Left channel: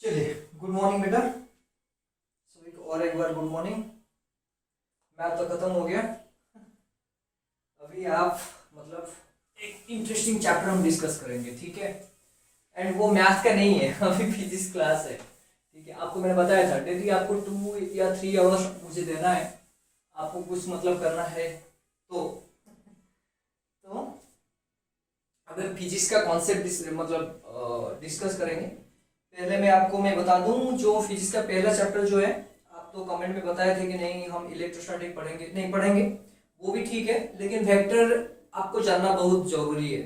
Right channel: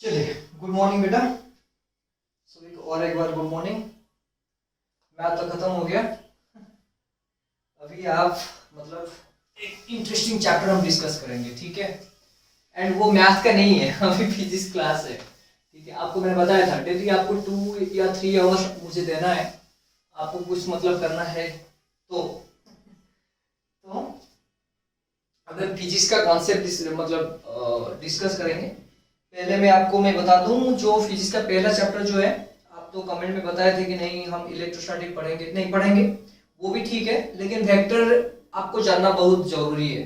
चलिए, good morning बेटा। सभी को और एक बार गुड मॉर्निंग। मैथ तो खत्म हो गया। अभी आप मतलब एक इंटरेस्टिंग चैप्टर हम डिस्कस करेंगे, ठीक है। एंड वो मैथ का नहीं है, अभी फिजिक्स क्लास है, ठीक है। आपको मैंने बताया था डेली आपको 2 या 3 आवर्स मुझे देना है, आपको कुछ मतलब करना है। तो अगर फिजिक्स का कॉन्सेप्ट मतलब डिस्कस करेंगे। पहले मैं बता दूं, जो फिजिक्स का पहला चैप्टर जो है, आप तो कमेंट में बताए थे कि नहीं हम इलेक्ट्रोस्टैटिक पढ़ेंगे, नहीं पढ़ेंगे, वो भी ठीक है, लेकिन वेक्टर आपको जानना बहुत जरूरी है,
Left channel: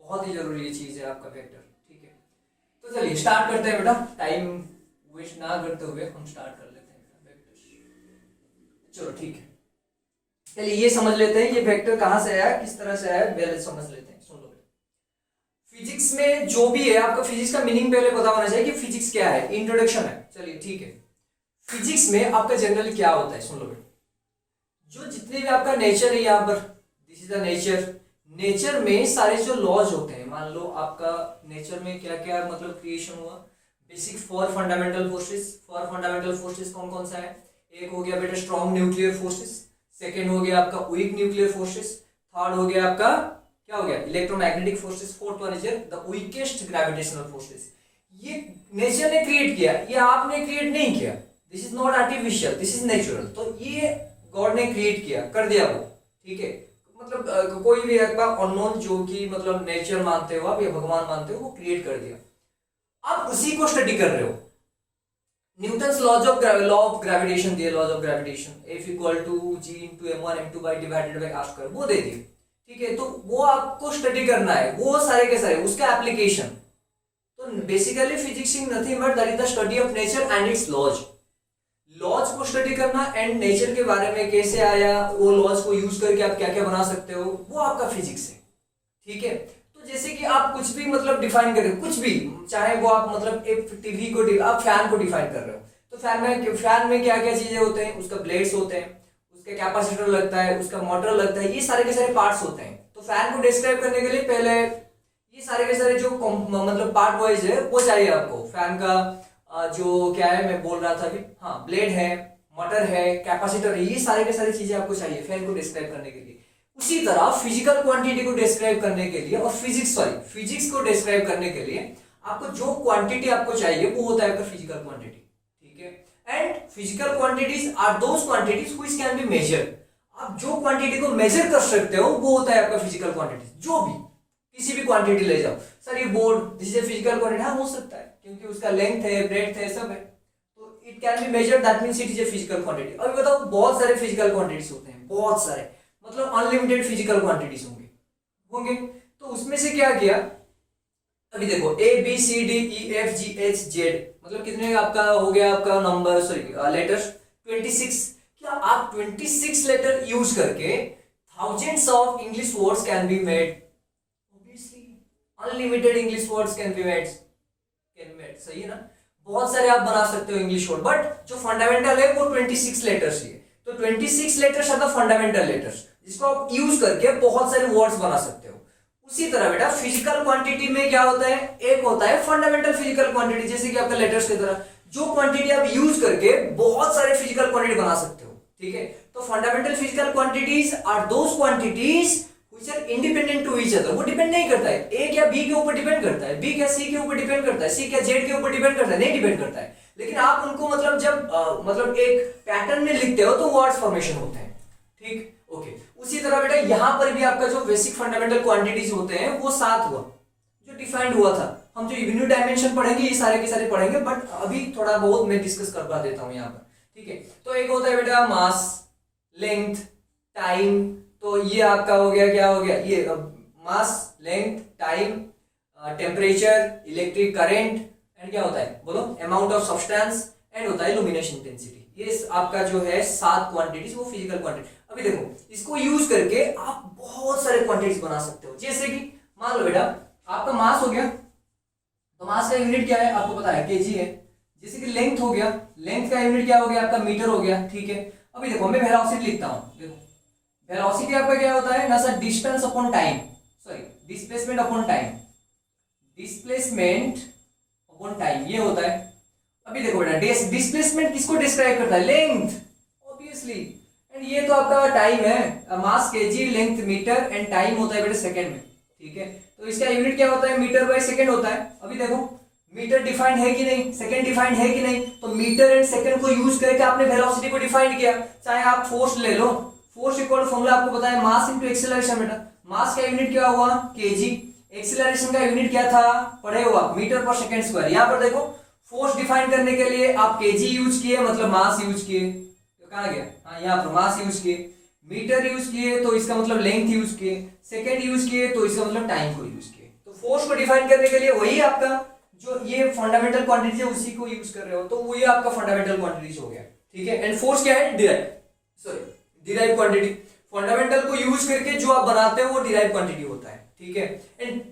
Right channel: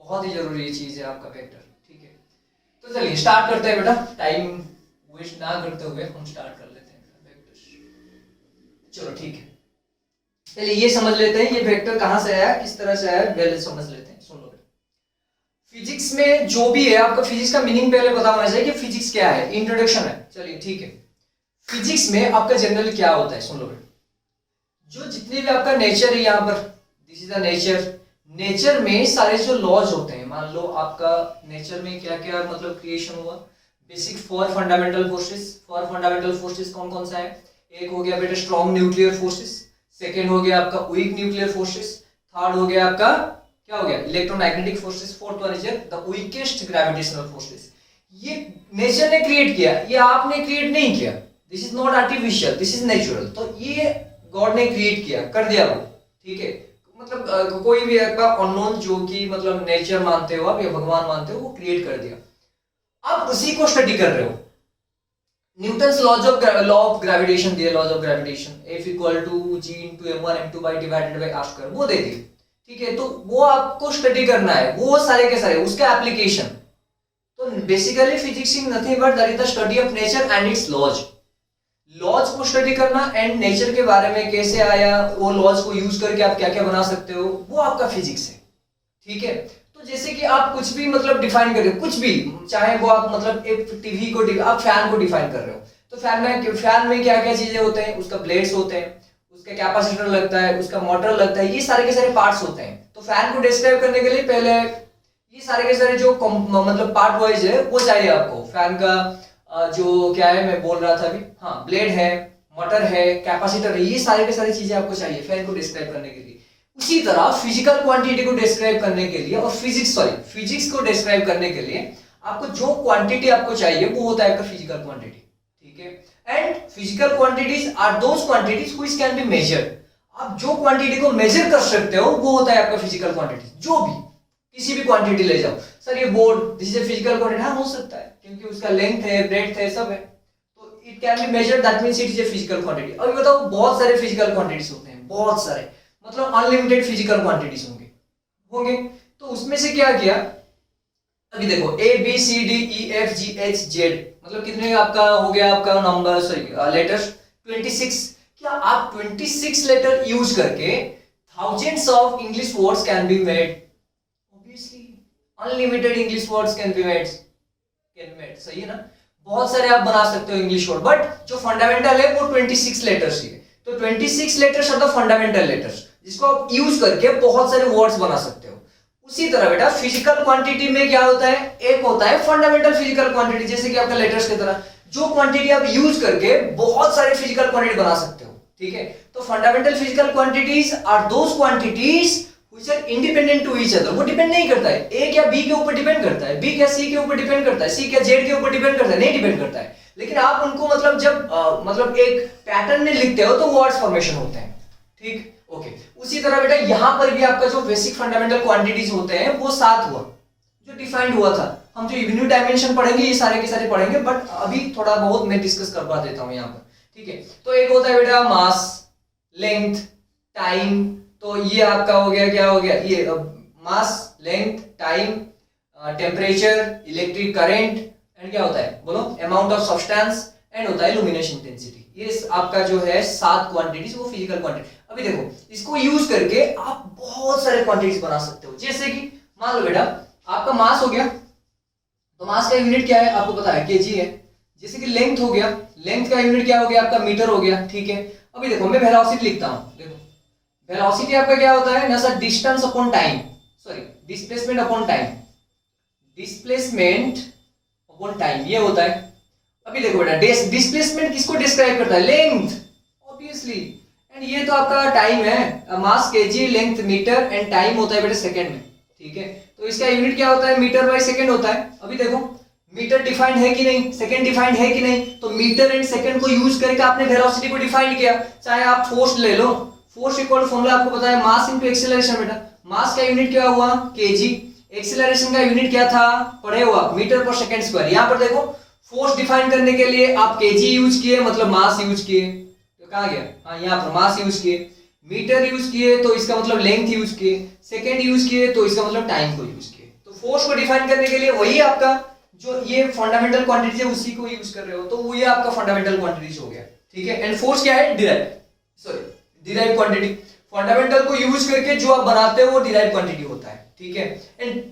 बहुत ही जरूरी चीज है आपका वेक्टर, ठीक है। तो चलिए स्टार्ट करते हैं बेटा, टाइम वेस्ट ना करते हुए हम स्टार्ट कर लेते हैं वेक्टर। चलो ठीक है, चलिए ये समझ लेते हैं ये वेक्टर कहाँ से आया, किस तरह से आया, पहले समझ लेते हैं। सुन लो, फिजिक्स में जो भी है आपका, फिजिक्स का मीनिंग पहले पता होना चाहिए कि फिजिक्स क्या है, इंट्रोडक्शन है। चलिए ठीक है, फिजिक्स में आपका जनरली क्या होता है, सुन लो बेटा। जो जितने भी आपका नेचर है यहाँ पर, this is the nature. Nature में सारे जो लॉज होते हैं, मान लो आपका नेचर में क्या क्या मतलब क्रिएशन हुआ। Basic 4 fundamental forces. 4 fundamental forces कौन कौन सा है? एक हो गया बेटा स्ट्रॉन्ग न्यूक्लियर फोर्सेस, सेकेंड हो गया आपका वीक न्यूक्लियर फोर्सेस, थर्ड हो गया आपका क्या हो गया, electromagnetic forces, fourth one is the weakest gravitational forces. ये नेचर ने क्रिएट किया, ये आपने क्रिएट नहीं किया। This is not artificial, this is natural. तो ये गॉड ने क्रिएट किया, कर दिया वो, ठीक है। मतलब कोई भी आपका अननोन जो कि मतलब नेचर मानते हो आप या भगवान मानते हो, वो क्रिएट कर दिया। अब उसी को स्टडी कर रहे हो। न्यूटन्स लॉ ऑफ ग्रेविटेशन दिए, laws of gravitation, F equal to G into M1 M2 by divided by R square, वो दे दी, ठीक है। तो वो आपको स्टडी करना है, वो सारे के सारे उसका एप्लीकेशन। तो basically physics is nothing but that is the study of nature and its laws. Laws को स्टडी करना एंड नेचर के बारे में कैसे आया, वो लॉज को यूज करके आप क्या क्या बना सकते हो, वो आपका फिजिक्स है, ठीक है। तो जैसे कि आप कुछ भी मतलब डिफाइन कर रहे हो, कुछ भी, चाहे वो आप मतलब एक टीवी को आप फैन को डिफाइन कर रहे हो, तो फैन में क्या क्या चीजें होते हैं, उसका ब्लेड्स होते हैं, उसका कैपेसिटर लगता है, उसका मोटर लगता है, ये सारे के सारे पार्ट्स होते हैं। तो फैन को डिस्क्राइब करने के लिए पहले ये सारे के सारे जो मतलब पार्ट वाइज है वो चाहिए आपको। फैन का जो क्या है मैं बोल रहा था अभी, हाँ, ब्लेड है, मोटर है, कैपेसिटर है, ये सारे के सारी चीजें आपको चाहिए फैन को डिस्क्राइब करने के लिए। उसी तरह फिजिकल क्वांटिटी को डिस्क्राइब करने के लिए और फिजिक्स को डिस्क्राइब करने के लिए आपको जो क्वांटिटी आपको चाहिए वो होता है आपका फिजिकल क्वांटिटी, ठीक है। And physical quantities are those quantities which can be measured. आप जो क्वांटिटी को मेजर कर सकते हो वो होता है आपका फिजिकल क्वांटिटी। जो भी किसी भी क्वांटिटी ले जाओ, सर ये board, this is physical quantity, हाँ हो सकता है क्योंकि उसका लेंथ है, ब्रेड्थ है, सब है, तो it can be measured, that means it is a physical quantity. अभी बताओ, बहुत सारे फिजिकल क्वांटिटीज होते हैं, बहुत सारे, मतलब अनलिमिटेड फिजिकल क्वांटिटीज होंगे। तो उसमें से क्या किया, अभी देखो ABCDEFGHZ, मतलब कितने आपका हो गया आपका नंबर, सॉरी लेटर्स 26। क्या आप 26 लेटर यूज करके thousands of English words can be made? Obviously unlimited English words can be made, सही है ना। बहुत सारे आप बना सकते हो इंग्लिश वर्ड, बट जो फंडामेंटल है वो 26 लेटर्स ही है। तो 26 letters are the fundamental letters, जिसको आप यूज करके बहुत सारे वर्ड्स बना सकते हो। उसी तरह बेटा फिजिकल क्वांटिटी में क्या होता है, एक होता है फंडामेंटल फिजिकल क्वांटिटी, जैसे कि आपका लेटर्स की तरह, जो क्वांटिटी आप यूज करके बहुत सारे फिजिकल क्वांटिटी बना सकते हो, ठीक है। तो fundamental physical quantities are those quantities which are independent to each other. वो डिपेंड नहीं करता है ए क्या बी के ऊपर डिपेंड करता है, बी क्या सी के ऊपर डिपेंड करता है, सी क्या जेड के ऊपर डिपेंड करता है, नहीं डिपेंड करता है। लेकिन आप उनको मतलब जब मतलब एक पैटर्न में लिखते हो तो वर्ड्स फॉर्मेशन होते हैं, ठीक, ओके। उसी तरह बेटा यहाँ पर भी आपका जो बेसिक फंडामेंटल क्वांटिटीज होते हैं वो 7 हुआ, जो डिफाइंड हुआ था। हम जो यूनिट डायमेंशन पढ़ेंगे ये सारे के सारे पढ़ेंगे, बट अभी थोड़ा बहुत मैं डिस्कस करवा देता हूँ यहाँ पर, ठीक है। तो एक होता है बेटा मास, लेंथ, टाइम। तो ये आपका हो गया, क्या हो गया, ये mass, length, time, temperature, electric current, and क्या होता है बोलो, अमाउंट ऑफ सब्सटेंस, एंड होता है लुमिनेशन इंटेंसिटी। ये आपका जो है 7 क्वांटिटीज, वो फिजिकल क्वांटिटी। अभी देखो, इसको यूज करके आप बहुत सारे क्वांटिटीज बना सकते हो। जैसे कि मान लो बेटा आपका मास हो गया, तो मास का यूनिट क्या है आपको पता है, केजी है। जैसे कि लेंथ हो गया, लेंथ का यूनिट क्या हो गया आपका, मीटर हो गया, ठीक है। अभी देखो मैं वेलोसिटी लिखता हूं, देखो वेलोसिटी आपका क्या होता है ना sir, distance upon time, sorry displacement upon time, displacement upon time, ये होता है, अभी देखो बेटा, डिस्प्लेसमेंट किसको डिस्क्राइब करता है? Length, obviously. एंड ये तो आपका टाइम है, mass kg, length metre and time होता है बेटा सेकंड में, ठीक है। तो इसका यूनिट क्या होता है? मीटर बाय सेकंड होता है। अभी देखो मीटर डिफाइंड है कि नहीं, सेकंड डिफाइंड है कि नहीं, तो मीटर एंड सेकंड को यूज करके आपने वेलोसिटी को डिफाइन किया। चाहे आप फोर्स ले लो, फोर्स इक्वल फॉर्मूला आपको पता है, मास इनटू एक्सेलरेशन बेटा। मास का यूनिट क्या हुआ? केजी। एक्सेलरेशन का यूनिट क्या था? पढ़े हुआ, मीटर पर सेकंड स्क्वायर। यहां पर देखो फोर्स डिफाइन करने के लिए आप केजी यूज किए, मतलब मास यूज किए, तो कहां गया? हाँ, यहां पर मास यूज किए। मीटर यूज किए तो इसका मतलब लेंथ यूज किए। सेकंड यूज किए तो इसका मतलब टाइम को यूज किए। तो फोर्स को डिफाइन करने के लिए वही आपका जो ये फंडामेंटल क्वांटिटी है उसी को यूज कर रहे हो, तो वो ये आपका फंडामेंटल क्वांटिटीज हो गया, ठीक है। एंड फोर्स क्या है? Derive quantity. फंडामेंटल को यूज करके जो आप बनाते हो वो डिराइव क्वांटिटी होता है, ठीक है। And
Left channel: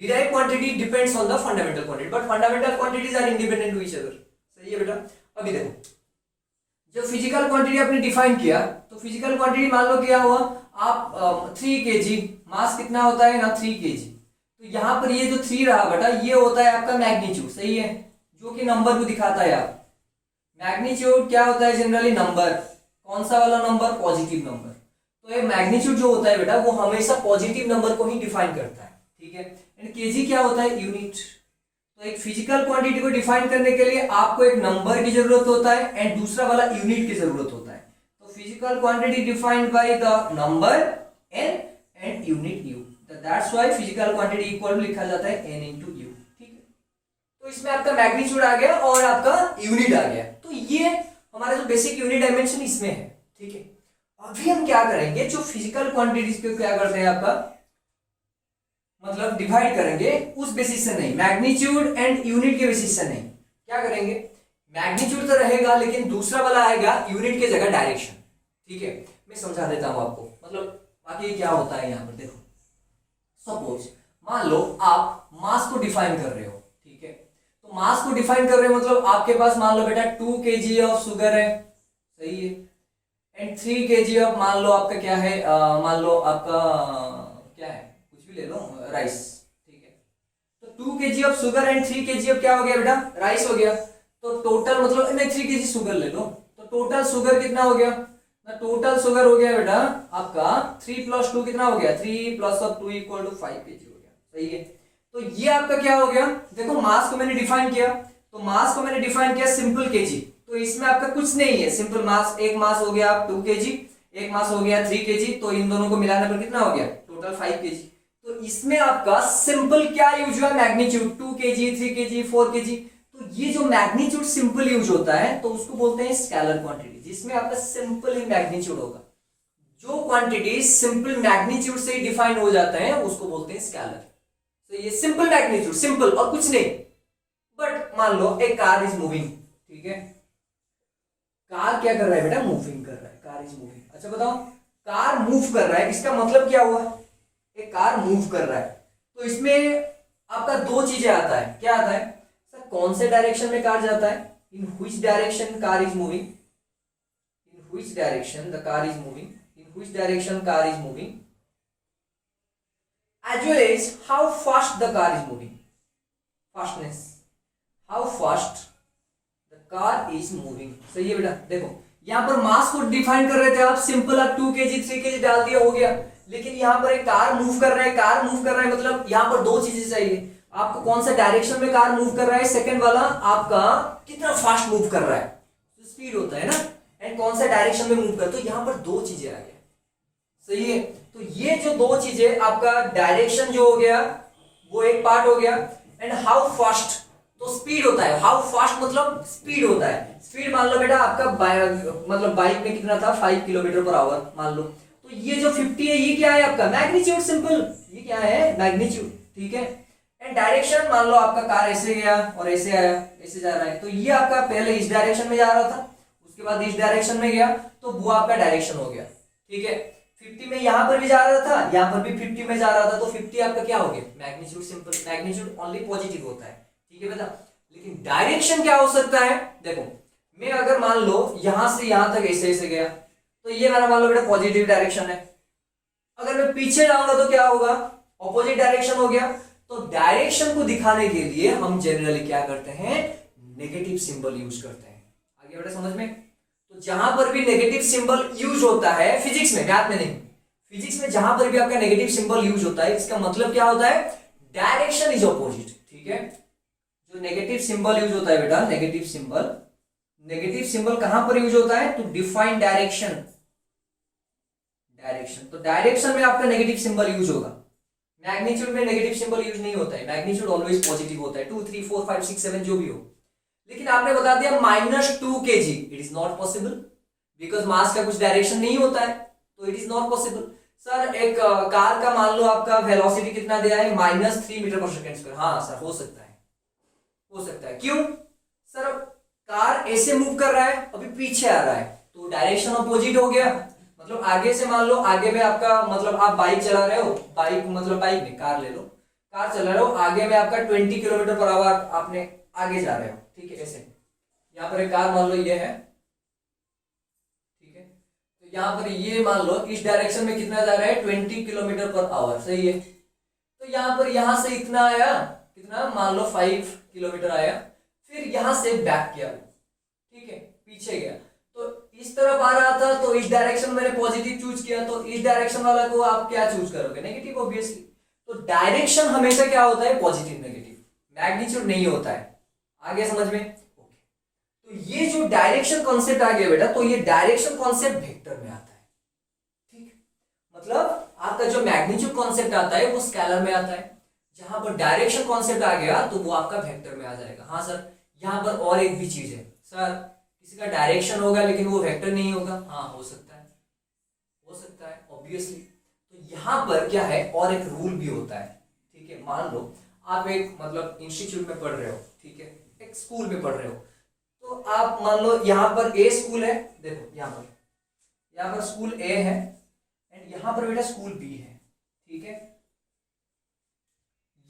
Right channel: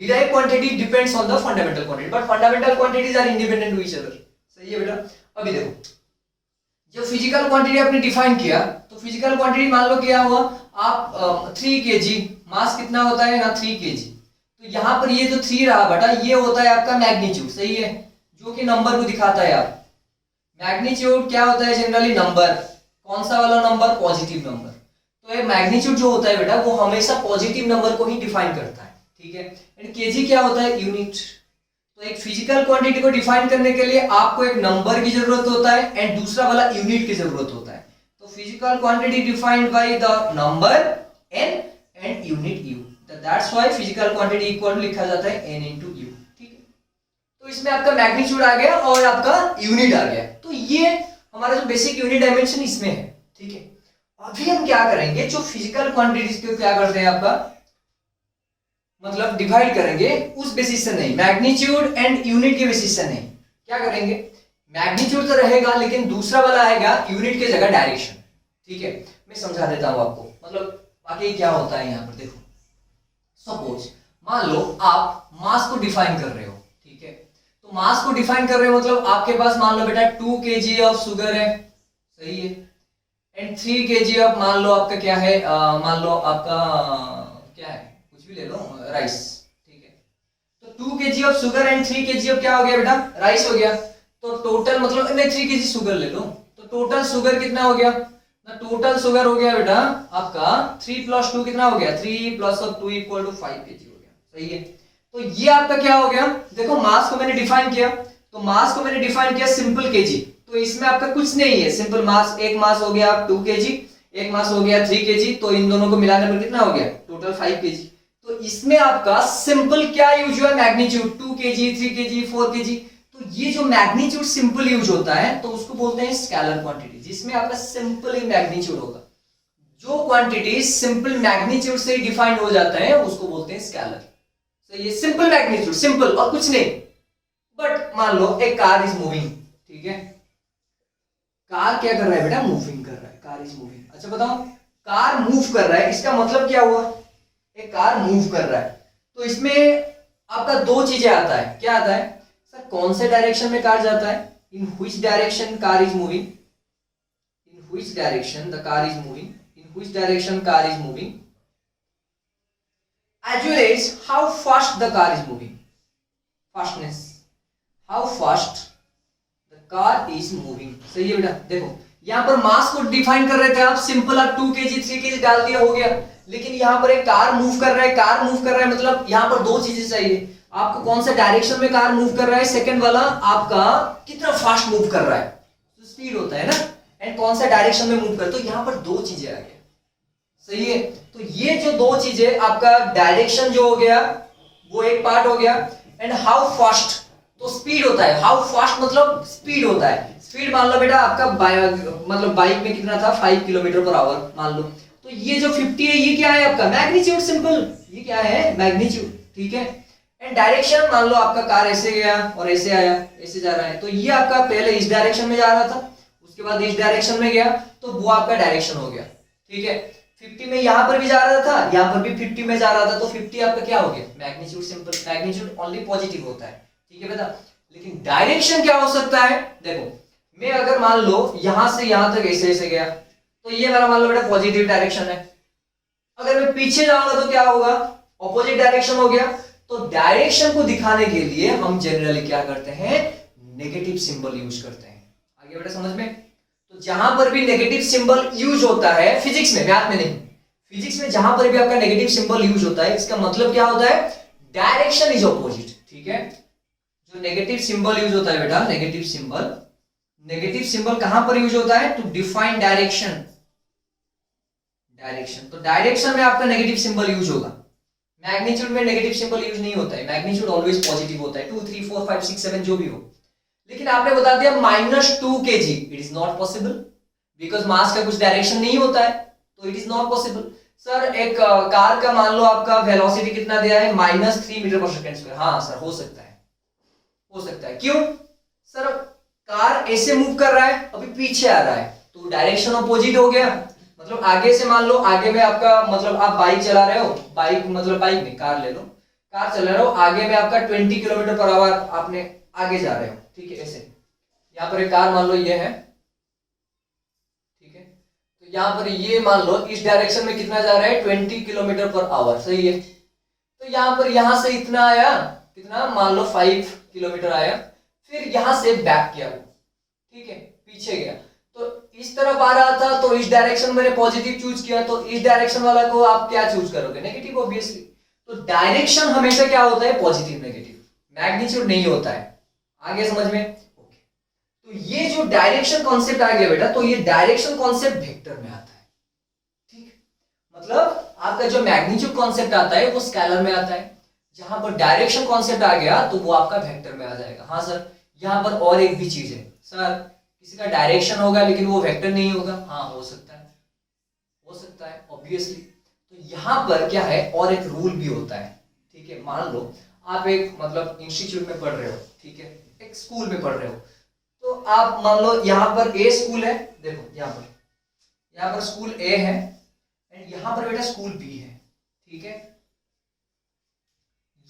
derive quantity depends on the fundamental quantity, but fundamental quantities are independent to each other. सही है बेटा। अभी देखो, जब फिजिकल क्वांटिटी आपने डिफाइन किया, तो फिजिकल क्वांटिटी मान लो क्या हुआ, आप 3 kg, मास कितना होता है ना? 3 kg। तो यहां पर ये जो 3 रहा बेटा, ये होता है आपका मैग्नीट्यूड, सही है, जो कि नंबर को दिखाता है। आप मैग्नीट्यूड क्या होता है? Generally number. कौन सा वाला नंबर? Positive number. तो ये मैग्नीट्यूड जो होता है बेटा, वो हमेशा पॉजिटिव नंबर को ही डिफाइन करता है, ठीक है। एंड केजी क्या होता है? यूनिट। तो एक फिजिकल क्वांटिटी को डिफाइन करने के लिए आपको एक नंबर की जरूरत होता है एंड दूसरा वाला यूनिट की जरूरत होता है। तो physical quantity defined by the number n and unit u, that's why physical quantity equal to लिखा जाता है n into u, ठीक है। तो इसमें आपका मैग्नीट्यूड आ गया और आपका यूनिट आ गया। तो ये हमारा जो बेसिक यूनिट डायमेंशन इसमें है, ठीक है। अभी हम क्या करेंगे, जो फिजिकल क्वांटिटीज को क्या करते हैं आपका, मतलब डिवाइड करेंगे उस बेसिस से नहीं, मैग्नीट्यूड एंड यूनिट के बेसिस से नहीं। क्या करेंगे? मैग्नीट्यूड तो रहेगा लेकिन दूसरा वाला आएगा यूनिट के जगह डायरेक्शन, ठीक है। मैं समझा देता हूं आपको, मतलब आगे क्या होता है यहाँ पर। देखो सपोज मान लो आप मास को डिफाइन कर रहे हो, ठीक है। तो मास को डिफाइन कर रहे हो मतलब आपके पास मान लो बेटा 2 kg ऑफ शुगर है, सही है, एंड 3 kg ऑफ, मान लो आपका क्या है, मान लो आपका क्या है, कुछ भी ले लो, राइस, ठीक है। तो 2 kg of sugar and 3 kg of क्या हो गया बेटा? राइस हो गया। तो टोटल मतलब नहीं, 3 kg शुगर ले लो, तो टोटल शुगर कितना हो गया? टोटल शुगर हो गया बेटा आपका 3 + 2 कितना हो गया? 3 + 2 = 5 kg हो गया, सही है। तो ये आपका क्या हो गया? देखो मास को मैंने डिफाइन किया, तो मास को मैंने डिफाइन किया सिंपल केजी, तो इसमें आपका कुछ नहीं है, सिंपल मास। एक मास हो गया 2 kg, एक मास हो गया 3 kg, तो इन दोनों को मिलाने पर कितना हो गया? Total 5 kg। तो इसमें आपका सिंपल क्या यूज हुआ? मैग्नीट्यूड। 2 kg, 3 kg, 4 kg। तो ये जो मैग्नीट्यूड सिंपल यूज होता है तो उसको बोलते हैं स्केलर क्वांटिटी, जिसमें आपका सिंपल ही मैग्नीट्यूड होगा। जो क्वांटिटी सिंपल मैग्नीट्यूड से डिफाइन हो जाता है उसको बोलते हैं स्केलर। तो ये सिंपल मैग्नीट्यूड, सिंपल और कुछ नहीं। बट मान लो एक कार इज मूविंग, ठीक है। कार क्या कर रहा है बेटा? मूविंग कर रहा है, कार इज मूविंग। अच्छा बताओ, कार मूव कर रहा है, इसका मतलब क्या हुआ? एक कार मूव कर रहा है, तो इसमें आपका दो चीजें आता है। क्या आता है सर? कौन से डायरेक्शन में कार जाता है, in which direction car is moving, in which direction the car is moving, in which direction car is moving, as well as how fast the car is moving, fastness, how fast the car is moving। सही है बेटा। देखो यहां पर मास को define कर रहे थे आप, सिंपल आप 2 kg 3 kg डाल दिया, हो गया। लेकिन यहां पर एक कार मूव कर रहा है, कार मूव कर रहा है मतलब यहां पर दो चीजें चाहिए आपको। कौन सा डायरेक्शन में कार मूव कर रहा है, सेकंड वाला आपका कितना फास्ट मूव कर रहा है, तो स्पीड होता है ना, एंड कौन सा डायरेक्शन में मूव कर, तो यहां पर दो चीजें आ गया, सही है। तो ये जो दो चीजें, आपका डायरेक्शन जो हो गया वो एक पार्ट हो गया, एंड हाउ फास्ट, तो स्पीड होता है। हाउ फास्ट मतलब स्पीड होता है। स्पीड मान लो बेटा आपका मतलब बाइक में कितना था, 5 km/h मान लो। तो ये जो 50 है ये क्या है आपका? मैग्नीट्यूड, सिंपल, ये क्या है? मैग्नीट्यूड, ठीक है। एंड डायरेक्शन मान लो आपका कार ऐसे गया और ऐसे आया, ऐसे जा रहा है, तो ये आपका पहले इस डायरेक्शन में जा रहा था, उसके बाद इस डायरेक्शन में गया, तो वो आपका डायरेक्शन हो गया, ठीक है। 50 में यहां पर भी जा रहा था, यहां पर भी 50 में जा रहा था, तो 50 आपका क्या हो गया? Magnitude, simple. Magnitude only positive होता है, ठीक है बेटा। लेकिन डायरेक्शन क्या हो सकता है? देखो मैं अगर मान लो यहां से यहां तक ऐसे ऐसे गया, तो ये वाला मान लो बेटा पॉजिटिव डायरेक्शन है। अगर मैं पीछे जाऊंगा तो क्या होगा? ऑपोजिट डायरेक्शन हो गया। तो डायरेक्शन को दिखाने के लिए हम जनरली क्या करते हैं? नेगेटिव सिंबल यूज करते हैं। आगे बेटा समझ में। तो जहां पर भी नेगेटिव सिंबल यूज होता है फिजिक्स में, मैथ में नहीं, फिजिक्स में जहां पर भी आपका नेगेटिव सिंबल यूज होता है इसका मतलब क्या होता है, डायरेक्शन इज ऑपोजिट। ठीक है, जो नेगेटिव सिंबल यूज होता है बेटा, नेगेटिव सिंबल कहां पर यूज होता है, टू डिफाइन डायरेक्शन। तो डायरेक्शन में आपका नेगेटिव सिंबल यूज होगा, मैग्नीट्यूड में नेगेटिव सिंबल यूज नहीं होता है, मैग्नीट्यूड ऑलवेज पॉजिटिव होता है, 2 3 4 5 6 7 जो भी हो। लेकिन आपने बता दिया -2 kg, it is not possible because mass का कुछ डायरेक्शन नहीं होता है, तो it is not possible. Sir एक कार का मान लो आपका वेलोसिटी कितना दिया है, -3 मीटर पर सेकंड स्क्वायर। हाँ सर हो सकता है, क्यों सर, कार ऐसे मूव कर रहा है, अभी पीछे आ रहा है, तो डायरेक्शन अपोजिट हो गया। मतलब आगे से मान लो, आगे में आपका मतलब आप बाइक चला रहे हो, बाइक नहीं, कार ले लो, कार चला रहे हो, आगे में आपका 20 किलोमीटर पर आवर आपने आगे जा रहे हो, ठीक है, ऐसे यहाँ पर एक कार मान लो ये है, ठीक है, तो यहाँ पर ये मान लो इस डायरेक्शन में कितना जा रहा है, 20 किलोमीटर पर आवर, सही है। तो यहाँ पर यहाँ से इतना आया, कितना मान लो 5 किलोमीटर आया, फिर यहाँ से बैक किया, ठीक है, पीछे गया, तो इस तरफ आ रहा था, तो इस डायरेक्शन मैंने पॉजिटिव चूज किया, तो इस डायरेक्शन वाला को आप क्या चूज करोगे, नेगेटिव ऑब्वियसली। तो डायरेक्शन हमेशा क्या होता है, पॉजिटिव नेगेटिव, मैग्नीट्यूड नहीं होता है। आगे समझ में, ओके। तो ये जो डायरेक्शन कॉन्सेप्ट आ गया बेटा, तो ये डायरेक्शन कॉन्सेप्ट वेक्टर में आता है, ठीक, मतलब आपका जो मैग्नीट्यूड कॉन्सेप्ट आता है वो स्केलर में आता है, जहां पर डायरेक्शन कॉन्सेप्ट आ गया तो वो आपका वेक्टर में आ जाएगा। हाँ सर, यहाँ पर और एक भी चीज है सर, किसी का डायरेक्शन होगा लेकिन वो वेक्टर नहीं होगा, हाँ हो सकता है ऑब्वियसली। तो यहाँ पर क्या है, और एक रूल भी होता है, ठीक है, मान लो आप एक मतलब इंस्टीट्यूट में पढ़ रहे हो, ठीक है, एक स्कूल में पढ़ रहे हो, तो आप मान लो यहाँ पर ए स्कूल है, देखो यहाँ पर स्कूल ए है एंड यहाँ पर बेटा स्कूल बी है, ठीक है,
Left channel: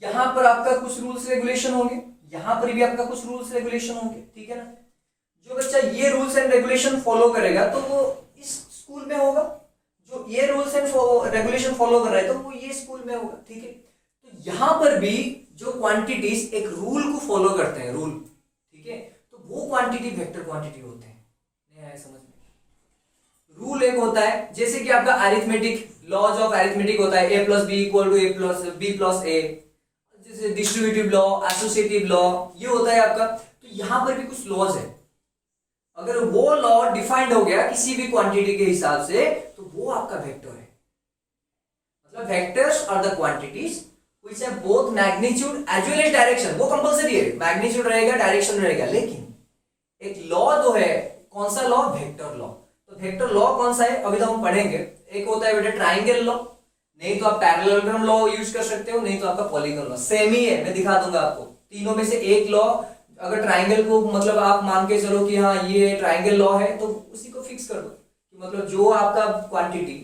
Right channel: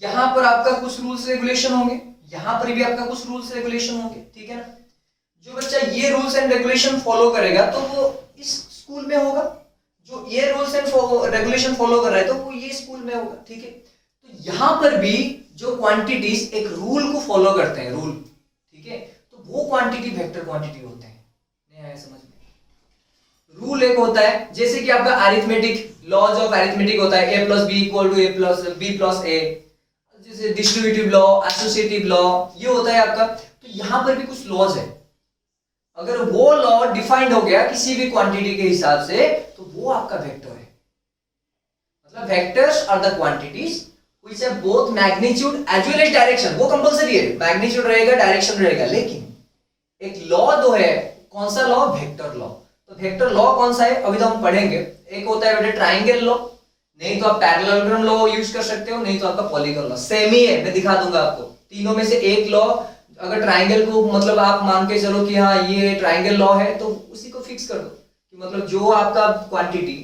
यहाँ पर आपका कुछ रूल्स रेगुलेशन होंगे, यहाँ पर भी आपका कुछ रूल्स रेगुलेशन होंगे, ठीक है ना। जो बच्चा ये रूल्स एंड रेगुलेशन फॉलो करेगा तो वो इस स्कूल में होगा, जो ये रूल्स एंड रेगुलेशन फॉलो कर रहा है तो वो ये स्कूल में होगा, ठीक है। तो यहाँ पर भी जो क्वांटिटीज एक रूल को फॉलो करते हैं, रूल, ठीक है, तो वो क्वांटिटी वेक्टर क्वांटिटी होते हैं। नहीं आया समझ में, रूल एक होता है, जैसे कि आपका अरिथमेटिक, लॉज ऑफ अरिथमेटिक होता है, a + b = a + b + a, जैसे डिस्ट्रीब्यूटिव लॉ, एसोसिएटिव लॉ, ये होता है आपका। तो यहाँ पर भी कुछ लॉज है, अगर वो लॉ डिफाइंड हो गया किसी भी क्वांटिटी के हिसाब से तो वो आपका वेक्टर है। मतलब vectors are the quantities which have both magnitude as well as direction. वो कंपलसरी है, मैग्नीट्यूड रहेगा, डायरेक्शन रहेगा, लेकिन एक लॉ तो है, कौन सा लॉ, वेक्टर लॉ। तो वेक्टर लॉ कौन सा है, अभी तो हम पढ़ेंगे। एक होता है बेटा ट्राइंगल लॉ, नहीं तो आप पैरेललोग्राम लॉ यूज कर सकते हो, नहीं तो आपका पॉलीगॉन लॉ, सेम ही है, मैं दिखा दूंगा आपको। तीनों में से एक लॉ, अगर ट्राइंगल को मतलब आप मान के चलो कि हाँ ये ट्राइंगल लॉ है, तो उसी को फिक्स कर दो कि मतलब जो आपका क्वांटिटी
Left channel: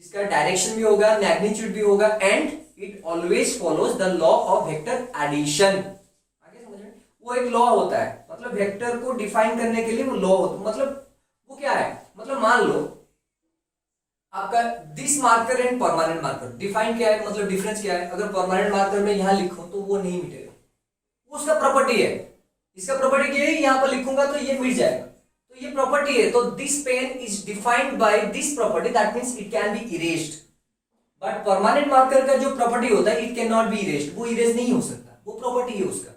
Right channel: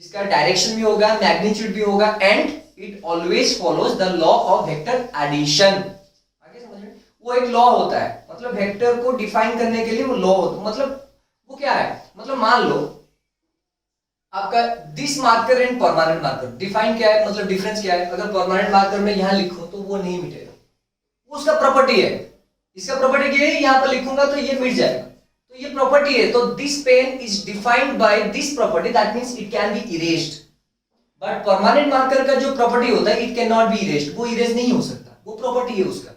जिसका डायरेक्शन भी होगा, मैग्नीट्यूड भी होगा, and it always follows the law of vector addition. आगे समझ में, वो एक लॉ होता है, मतलब वेक्टर को डिफाइन करने के लिए वो लॉ होता है। मतलब वो क्या है, मतलब मान लो आपका this marker and permanent marker, define क्या है, मतलब डिफरेंस क्या है। अगर परमानेंट मार्कर में यहां लिखूं तो वो नहीं मिटेगा, वो उसका प्रॉपर्टी है। इसका प्रॉपर्टी क्या है, यहां पर लिखूंगा तो ये मिट जाएगा, तो ये प्रॉपर्टी है। तो this pen is defined by this property, that means it can be erased. But permanent marker का जो प्रॉपर्टी होता है, it can not be erased, वो इरेज नहीं हो सकता, वो प्रॉपर्टी है उसका,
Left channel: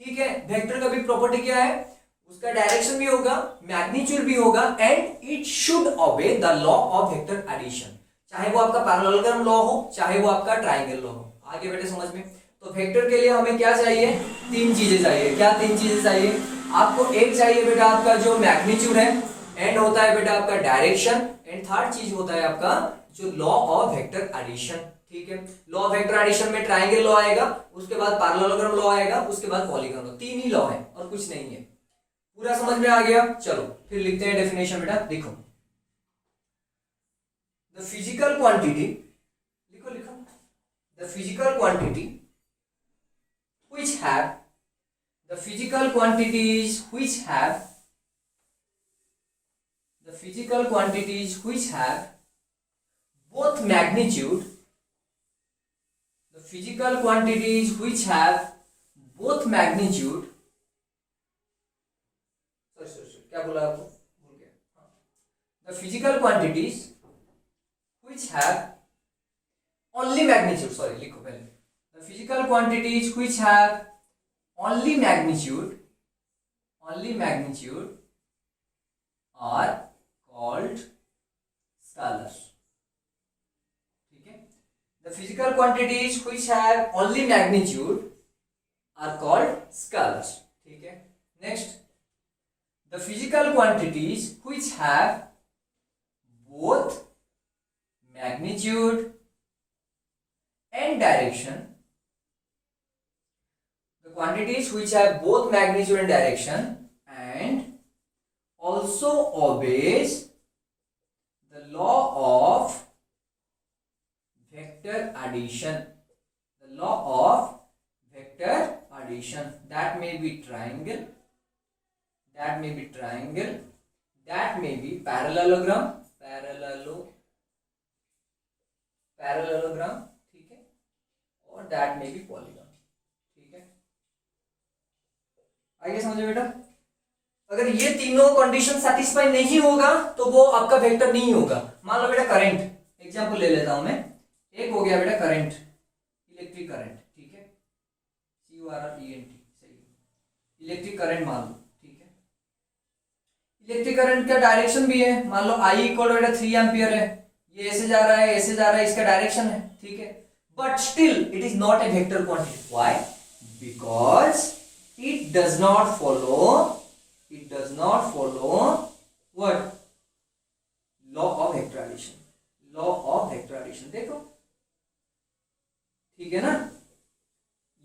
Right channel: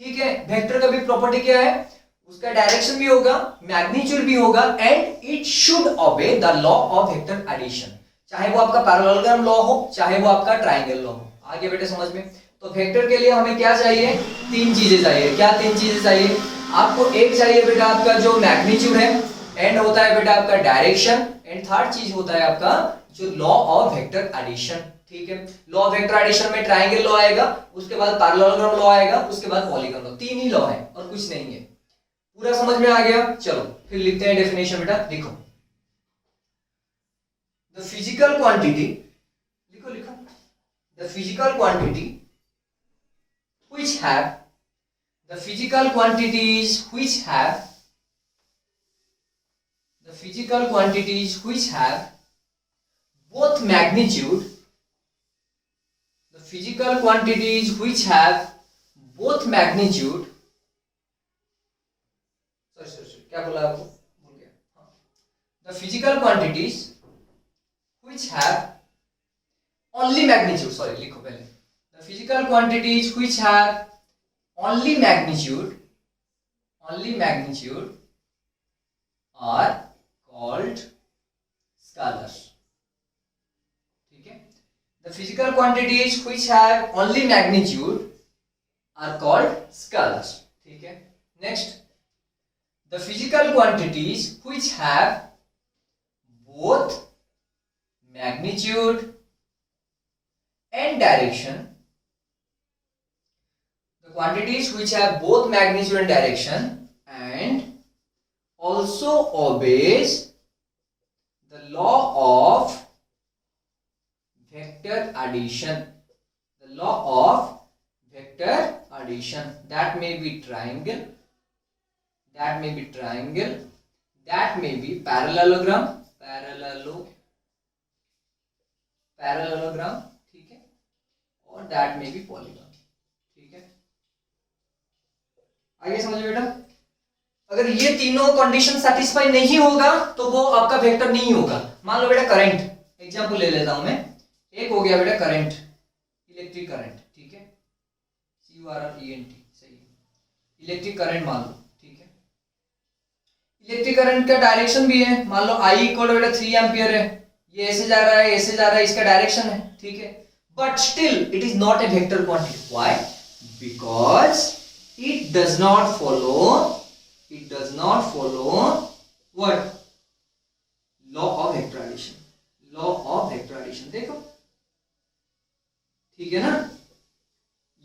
ठीक है। वेक्टर का भी प्रॉपर्टी क्या है, उसका डायरेक्शन भी होगा, मैग्नीट्यूड भी होगा, and it should obey the law of vector addition, चाहे वो आपका पैरेललोग्राम लॉ हो, चाहे वो आपका ट्राइंगल लॉ हो। आगे बेटे समझ में। तो वेक्टर के लिए हमें क्या चाहिए, तीन चीजें चाहिए। क्या तीन चीजें चाहिए आपको, एक चाहिए बेटा आपका जो मैग्नीट्यूड है, एंड होता है बेटा आपका डायरेक्शन, एंड थर्ड चीज होता है आपका जो लॉ ऑफ वेक्टर एडिशन, ठीक है। लॉ ऑफ वेक्टर एडिशन में ट्राइंगल लॉ आएगा, उसके बाद पैरेललोग्राम लॉ आएगा, उसके बाद पॉलीगॉन लॉ, तीन ही लॉ है और कुछ नहीं है। पूरा समझ में आ गया, चलो फिर लिखते हैं डेफिनेशन बेटा। देखो द फिजिकल क्वांटिटी, लिखो the physical quantity which have the physical quantities which have both magnitude, the physical quantities which have both magnitude क्या बोला आपको, भूल गया। The physical quantities which have only magnitude, sorry लिखो पहले, the physical quantities which have only magnitude are called scalars. ठीक है, the physical quantities which have only magnitude are called scalars. ठीक है, next, the physical quantities which have both magnitude and direction, the quantities which have both magnitude and direction and also obeys the law of vector addition, the law of vector addition, that may be triangle, that may be triangle, that may be parallelogram, parallelogram, ठीक है, और that may be polygon। ठीक है, आइए समझ में बेटा, अगर ये तीनों कंडीशन सेटिस्फाई नहीं होगा तो वो आपका वेक्टर नहीं होगा। मान लो बेटा करंट, एग्जांपल ले लेता हूं मैं, एक हो गया बेटा करंट, इलेक्ट्रिक करंट, ठीक है, CURRENT, सही, इलेक्ट्रिक करंट मान लो। इलेक्ट्रिक करंट का डायरेक्शन भी है, मान लो I इक्वल बेटा 3 एम्पियर है, ये ऐसे जा रहा है, ऐसे जा रहा है, इसका डायरेक्शन है। ठीक है, but still it is not a vector quantity. Why? Because it does not follow what? Law of vector addition. देखो, ठीक है ना,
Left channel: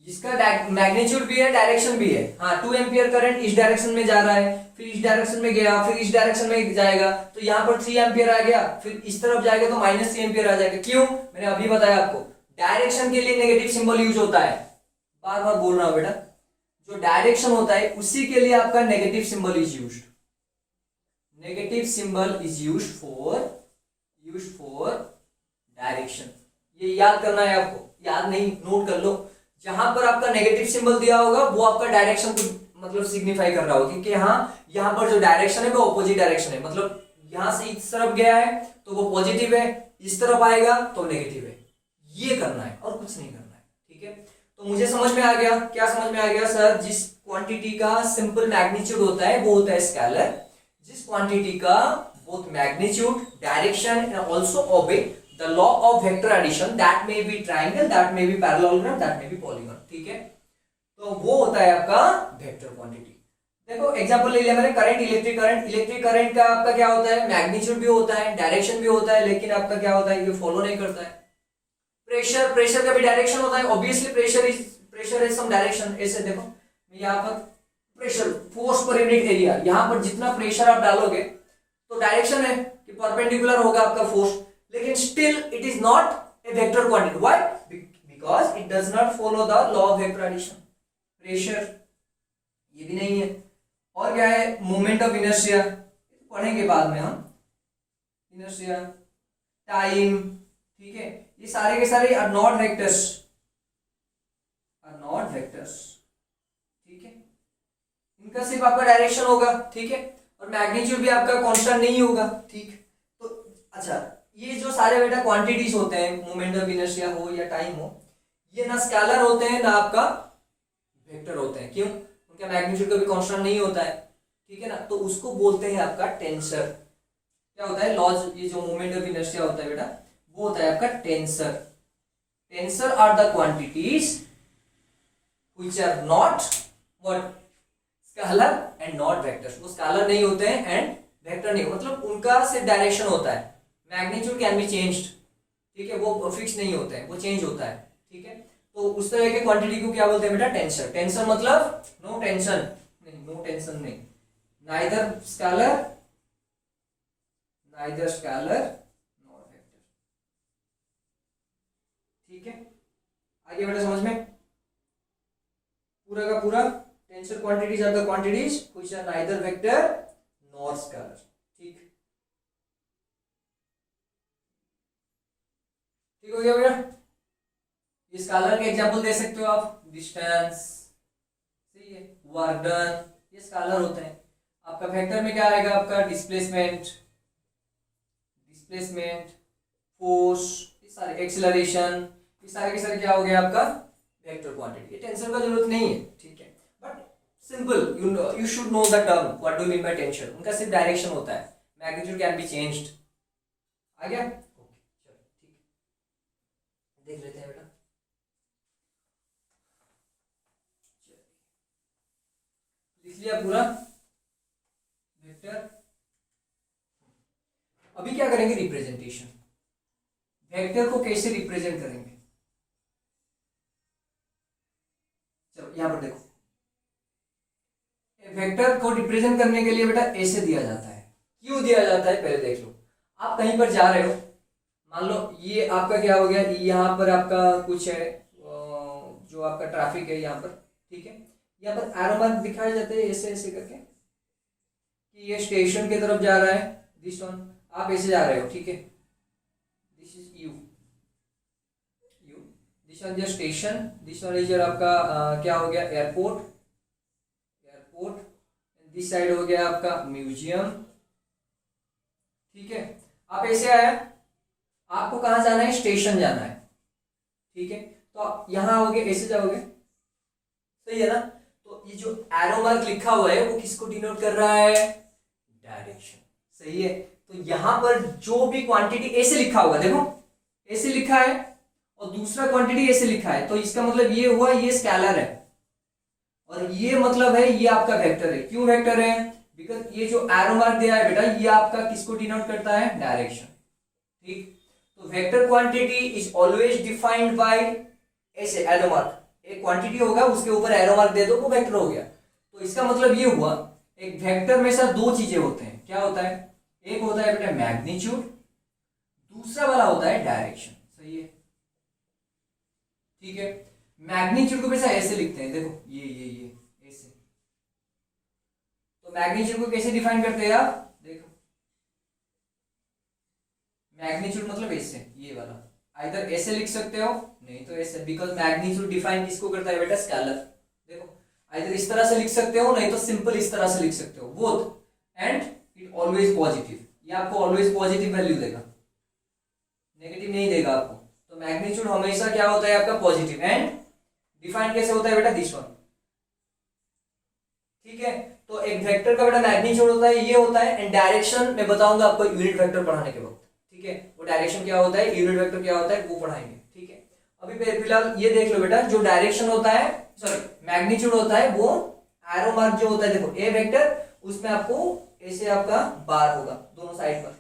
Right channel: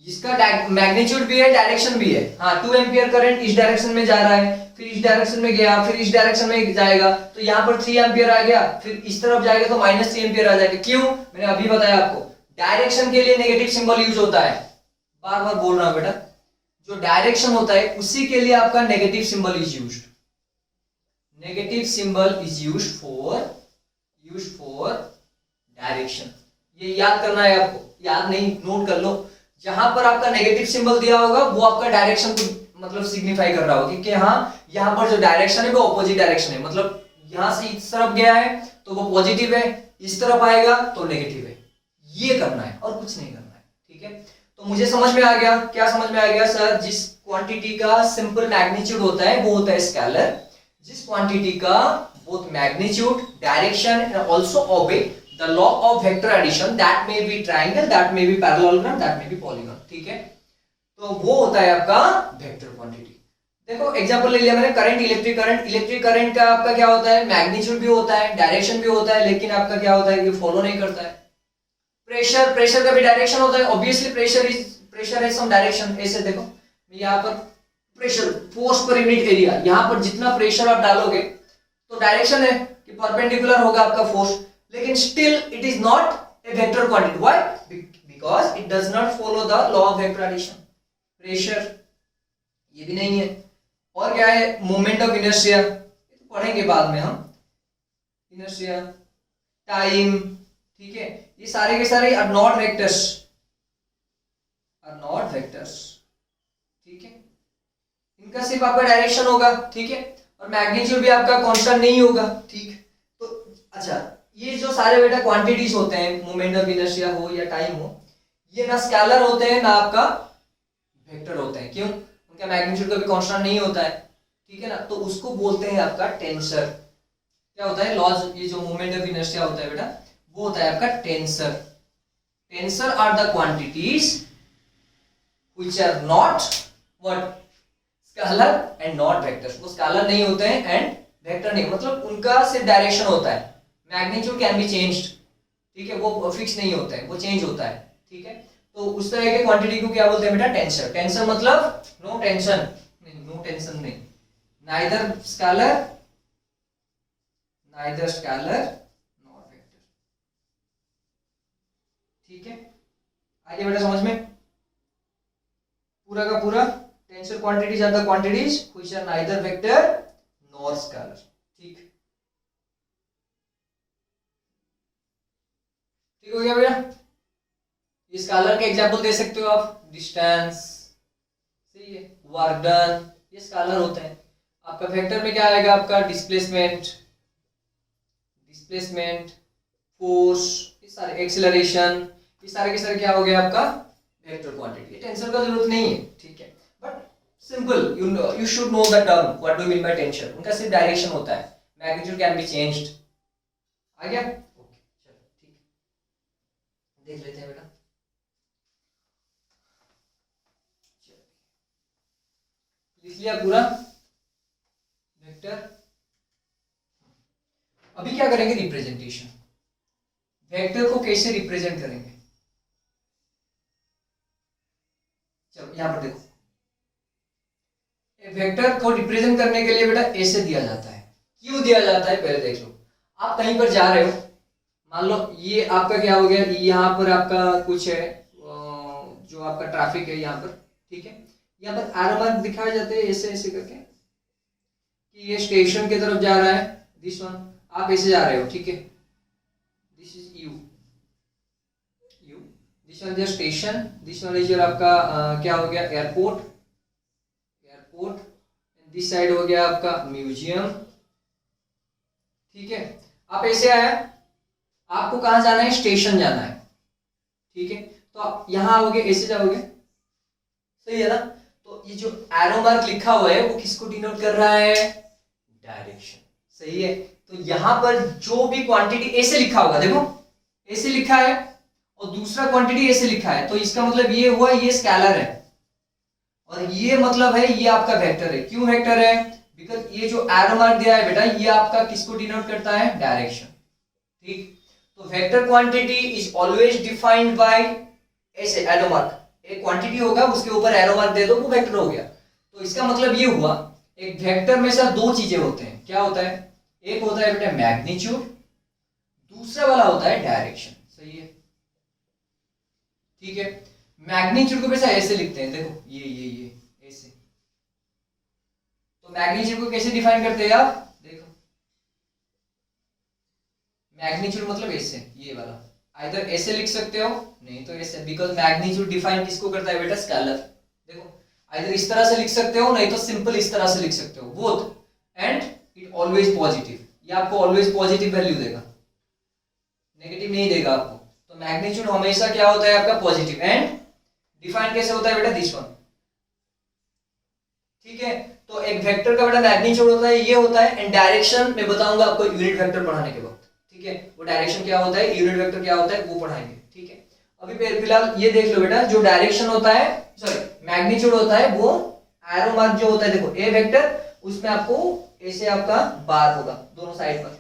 इसका मैग्नीट्यूड भी है, डायरेक्शन भी है। हाँ, 2 एम्पियर करंट इस डायरेक्शन में जा रहा है, फिर इस डायरेक्शन में गया, फिर इस डायरेक्शन में जाएगा, तो यहाँ पर 3 एम्पियर आ गया, फिर इस तरफ जाएगा तो -3 एम्पियर आ जाएगा। क्यों? मैंने अभी बताया आपको, डायरेक्शन के लिए नेगेटिव सिंबल यूज होता है। बार बार बोल रहा हूं बेटा, जो डायरेक्शन होता है उसी के लिए आपका negative symbol is used. Negative symbol is used for direction. ये याद करना है आपको, याद नहीं, नोट कर लो। जहां पर आपका नेगेटिव सिंबल दिया होगा वो आपका डायरेक्शन को मतलब सिग्निफाई कर रहा होगा कि हाँ, यहाँ पर जो डायरेक्शन है वो ऑपोजिट डायरेक्शन है, मतलब यहां से इस तरफ गया है तो वो पॉजिटिव है, इस तरफ आएगा तो नेगेटिव है। ये करना है और कुछ नहीं करना है। ठीक है, तो मुझे समझ में आ गया। क्या समझ में आ गया सर? जिस क्वांटिटी का सिंपल मैग्नीट्यूड होता है वो होता है स्केलर, जिस क्वांटिटी का both magnitude, direction and also obey the law of vector addition, that may be triangle, that may be parallelogram, that may be polygon। ठीक है, तो वो होता है आपका वेक्टर क्वांटिटी। देखो एग्जांपल ले लिया मैंने, करंट, इलेक्ट्रिक करंट का आपका क्या होता है? मैग्नीट्यूड भी होता है, डायरेक्शन भी होता है, लेकिन आपका क्या होता है कि फॉलो नहीं करता है। प्रेशर का भी डायरेक्शन होता है, ऑब्वियसली प्रेशर है सम डायरेक्शन। ऐसे देखो, यहाँ पर pressure, force per unit area, यहाँ पर जितना प्रेशर आप डालोगे तो डायरेक्शन है कि परपेंडिकुलर होगा आपका फोर्स, लेकिन still it is not a vector quantity। Why? Because it does not follow the law of vector addition। Pressure ये भी नहीं है, और क्या है? मोमेंट ऑफ इनर्शिया, पढ़ेंगे बाद में हम, इनर्शिया, टाइम। ठीक है, ये सारे के सारे आर नॉट वेक्टर्स। ठीक है, इनका सिर्फ आपका डायरेक्शन होगा। ठीक है, और मैग्नीट्यूड भी आपका कांस्टेंट नहीं होगा। ठीक, तो अच्छा, ये जो सारे बेटा क्वांटिटीज होते हैं, मोमेंट ऑफ इनर्शिया हो या टाइम हो, ये ना स्केलर होते हैं ना आपका वेक्टर होते हैं। क्यों? उनका मैग्नीट्यूड कभी कांस्टेंट नहीं होता है। ठीक है ना, तो उसको बोलते हैं आपका टेंसर। क्या होता है? लॉज, ये जो मोमेंट ऑफ इनर्शिया होता है बेटा, वो होता है आपका tensor. Tensor are the quantities which are not what? Scalar and not vectors. वो स्केलर नहीं होते हैं एंड वेक्टर नहीं, मतलब उनका सिर्फ डायरेक्शन होता है। Magnitude can be changed. ठीक है, वो फिक्स नहीं होता है, वो चेंज होता है। ठीक है, तो उस तरह के क्वांटिटी को क्या बोलते हैं बेटा? टेंसर। टेंसर मतलब नो टेंशन नहीं, नो टेंशन नहीं, नाइदर स्केलर नॉट वेक्टर। ठीक है, आगे बेटा समझ में, पूरा का पूरा tensor quantities are the quantities which are neither vector nor scalar. ठीक हो गया भैया? इस स्केलर के एग्जांपल दे सकते हो आप, डिस्टेंस, सही है, वर्क डन, ये स्केलर होते हैं। आपका वेक्टर में क्या आएगा, आपका डिस्प्लेसमेंट, फोर्स, ये सारे एक्सीलरेशन, ये सारे के सारे क्या हो गया आपका वेक्टर क्वांटिटी। टेंसर का जरूरत नहीं है, ठीक है, but simple you should know the term what do mean by tension. उनका सिर्फ डायरेक्शन होता है, मैग्नीट्यूड कैन बी चेंज्ड। आ गया, ओके, चलो ठीक है, देख लेते हैं बेटा। लिख लिया पूरा वेक्टर। अभी क्या करेंगे, रिप्रेजेंटेशन। वेक्टर को कैसे रिप्रेजेंट करेंगे, चलो यहां पर देखो, वेक्टर को रिप्रेजेंट करने के लिए बेटा ऐसे दिया जाता है। क्यों दिया जाता है पहले देख लो। आप कहीं पर जा रहे हो, मान लो ये आपका क्या हो गया, यहाँ पर आपका कुछ है जो आपका ट्रैफिक है यहाँ पर, ठीक है, यहाँ पर एरो मार्क दिखाए जाते हैं ऐसे ऐसे करके कि ये स्टेशन की तरफ जा रहा है, दिस वन, आप ऐसे जा रहे हो, ठीक है, this is you, this one is station, this one is आपका क्या हो गया एयरपोर्ट, दिस साइड हो गया आपका म्यूजियम, ठीक है। आप ऐसे आए, आपको कहां जाना है, स्टेशन जाना है, ठीक है, तो आप यहां आओगे, ऐसे जाओगे, सही है ना। तो ये जो एरो मार्क लिखा हुआ है वो किसको डिनोट कर रहा है, डायरेक्शन, सही है। तो यहां पर जो भी क्वांटिटी ऐसे लिखा होगा, देखो ऐसे लिखा है और दूसरा क्वांटिटी ऐसे लिखा है, तो इसका मतलब ये हुआ ये स्केलर है, और ये मतलब है ये आपका वेक्टर है। क्यों वेक्टर है, बिकॉज ये जो एरो मार्क दिया है बेटा, ये आपका किसको डिनोट करता है, डायरेक्शन, ठीक। तो vector quantity is always defined by ऐसे एरो मार्क, एक क्वांटिटी होगा उसके ऊपर एरो मार्क दे दो वो वेक्टर हो गया। तो इसका मतलब ये हुआ, एक वेक्टर में सिर्फ दो चीजें होते हैं, क्या होता है, एक होता है बेटा मैग्नीट्यूड, दूसरा वाला होता है डायरेक्शन, सही है, ठीक है। मैग्नीट्यूड को वैसे ऐसे लिखते हैं, देखो ये ऐसे। तो मैग्नीट्यूड को कैसे डिफाइन करते हैं आप, देखो मैग्नीट्यूड मतलब ऐसे, ये वाला, आइदर ऐसे लिख सकते हो, नहीं तो ऐसे, बिकॉज मैग्नीट्यूड डिफाइन किसको करता है बेटा, स्केलर। देखो आइदर इस तरह से लिख सकते हो, नहीं तो सिंपल इस तरह से लिख सकते हो, both, and it always positive, ये आपको ऑलवेज पॉजिटिव वैल्यू देगा, नेगेटिव नहीं देगा आपको। तो मैग्नीट्यूड हमेशा क्या होता है आपका पॉजिटिव, एंड डिफाइन कैसे होता है बेटा, दिस वन, ठीक है। तो एक वेक्टर का बेटा मैग्नीट्यूड होता है, ये होता है, एंड डायरेक्शन मैं बताऊंगा आपको यूनिट वेक्टर पढ़ाने के वक्त, ठीक है, वो डायरेक्शन क्या होता है, यूनिट वेक्टर क्या होता है, वो पढ़ाएंगे, ठीक है। अभी फिलहाल ये देख लो बेटा, जो डायरेक्शन होता है, सॉरी मैग्नीट्यूड होता है, वो एरो मार्क जो होता है, देखो ए वेक्टर, उसमें आपको ऐसे आपका बार होगा दोनों साइड पर,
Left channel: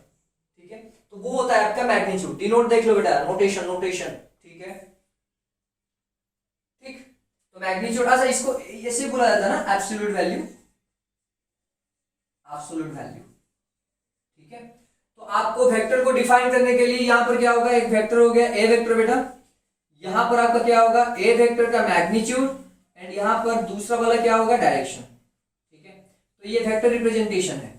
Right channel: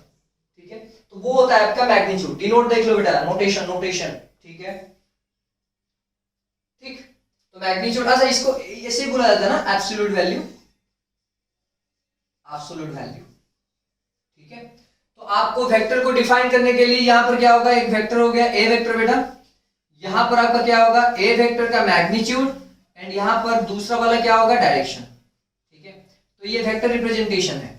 ठीक है, तो वो होता है आपका मैग्नीट्यूड। डिनोट देख लो बेटा, नोटेशन, ठीक है, ठीक। तो मैग्नीट्यूड, अच्छा इसको ऐसे बोला जाता है ना, एब्सोल्यूट वैल्यू, ठीक है। तो आपको वेक्टर को डिफाइन करने के लिए यहां पर क्या होगा, एक वेक्टर हो गया ए वेक्टर बेटा, यहां पर आपका क्या होगा, ए वेक्टर का मैग्नीट्यूड, एंड यहां पर दूसरा वाला क्या होगा, डायरेक्शन, ठीक है। तो ये वेक्टर रिप्रेजेंटेशन है,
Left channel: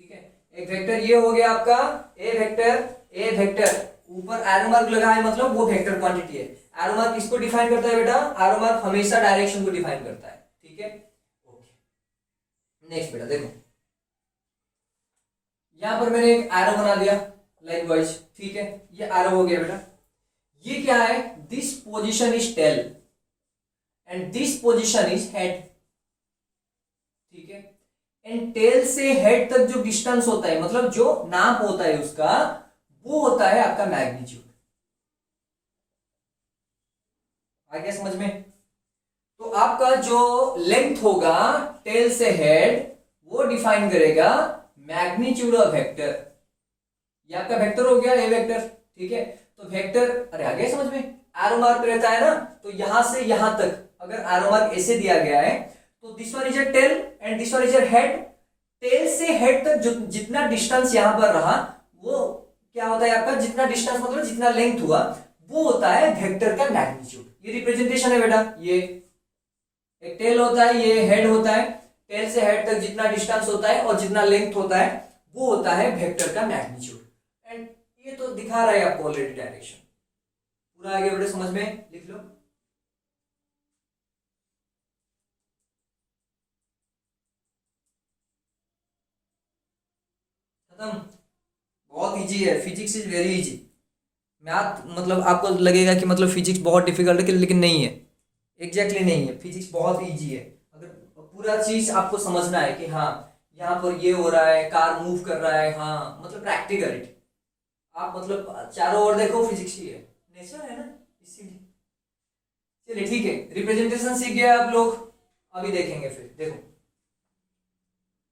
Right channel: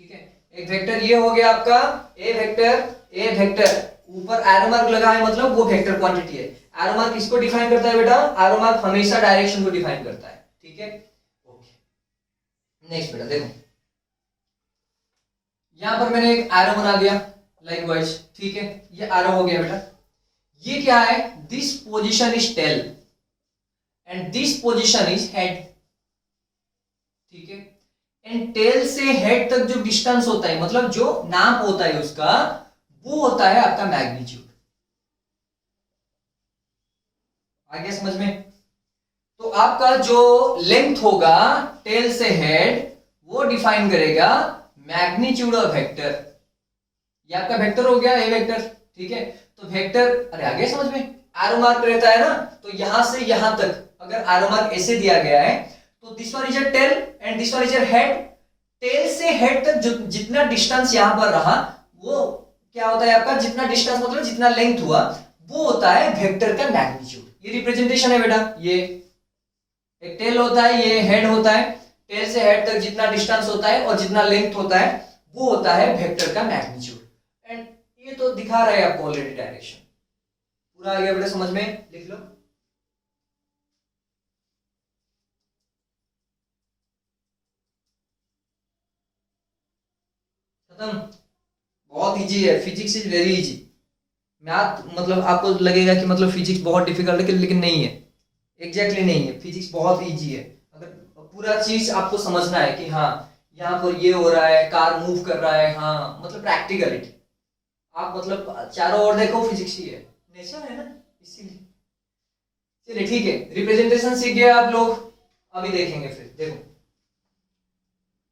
ठीक है। एक वेक्टर ये हो गया आपका ए वेक्टर, ऊपर एरो मार्क लगा है, मतलब वो वेक्टर क्वांटिटी है। एरो मार्क किसको डिफाइन करता है बेटा, एरो मार्क हमेशा डायरेक्शन को डिफाइन करता है, ठीक है, ओके। नेक्स्ट बेटा देखो, यहां पर मैंने एक एरो बना दिया लाइकवाइज, ठीक है, ये एरो हो गया बेटा। ये क्या है, this position is tail and this position is head, ठीक है। एंड टेल से हेड तक जो डिस्टेंस होता है, मतलब जो नाप होता है उसका, वो होता है आपका मैग्नीट्यूड। आ गया समझ में। तो आपका जो लेंथ होगा टेल से हेड, वो डिफाइन करेगा मैग्नीट्यूड ऑफ वेक्टर। ये आपका वेक्टर हो गया ए वेक्टर, ठीक है। तो वेक्टर, अरे आ गया समझ में, एरो मार्क रहता है ना, तो यहां से यहां तक अगर एरो मार्क ऐसे दिया गया है, तो this one is a tail and this one is a head. Tail से हेड तक जितना डिस्टेंस यहां पर रहा, वो क्या होता है आपका, जितना डिस्टेंस मतलब जितना लेंथ हुआ, वो होता है वेक्टर का मैग्नीट्यूड। ये रिप्रेजेंटेशन है बेटा, ये एक टेल होता है, ये हेड होता है, टेल से हेड तक जितना डिस्टेंस होता है और जितना लेंथ होता है, वो होता है वेक्टर का मैग्नीट्यूड। एंड ये तो दिखा रहा है आपको ऑलरेडी डायरेक्शन। पूरा आ गया बेटा समझ में, लिख लो। खत्म। बहुत इजी है, physics is very easy. Math मतलब आपको लगेगा कि मतलब फिजिक्स बहुत डिफिकल्ट है, लेकिन नहीं है, एग्जैक्टली नहीं है। फिजिक्स बहुत इजी है। अगर पूरा चीज आपको समझना है कि हाँ यहाँ पर ये हो रहा है, कार मूव कर रहा है, हाँ मतलब प्रैक्टिकलिटी, आप मतलब चारों ओर देखो फिजिक्स ही है, नेचर है ना, इसीलिए। चलिए ठीक है, रिप्रेजेंटेशन सीख गए आप लोग। अभी देखेंगे, फिर देखो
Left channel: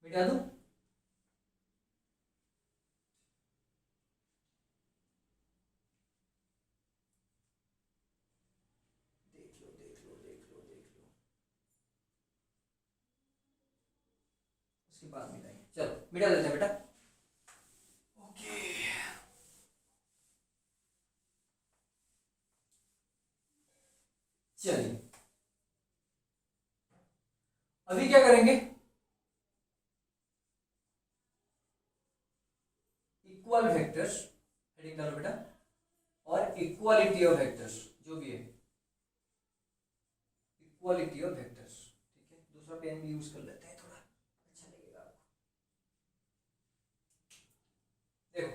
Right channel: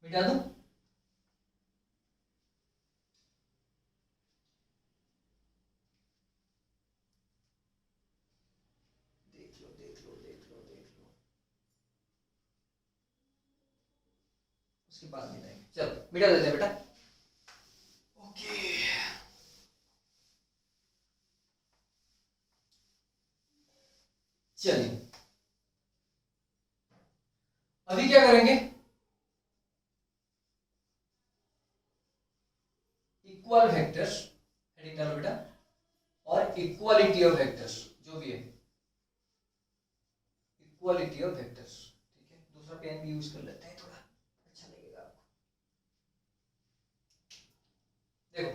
मिटा दूं। देख लो देख लो देख लो देख लो, उसके बाद मिटाएंगे। चलो मिटा देते हैं बेटा। ओके, चलिए अभी क्या करेंगे, इक्वल वेक्टर्स हेडिंग डालो बेटा, और इक्वालिटी ऑफ वेक्टर्स, जो भी है इक्वालिटी ऑफ वेक्टर्स। ठीक है, दूसरा पेन भी यूज कर लेते हैं, थोड़ा अच्छा लगेगा आपको। देखो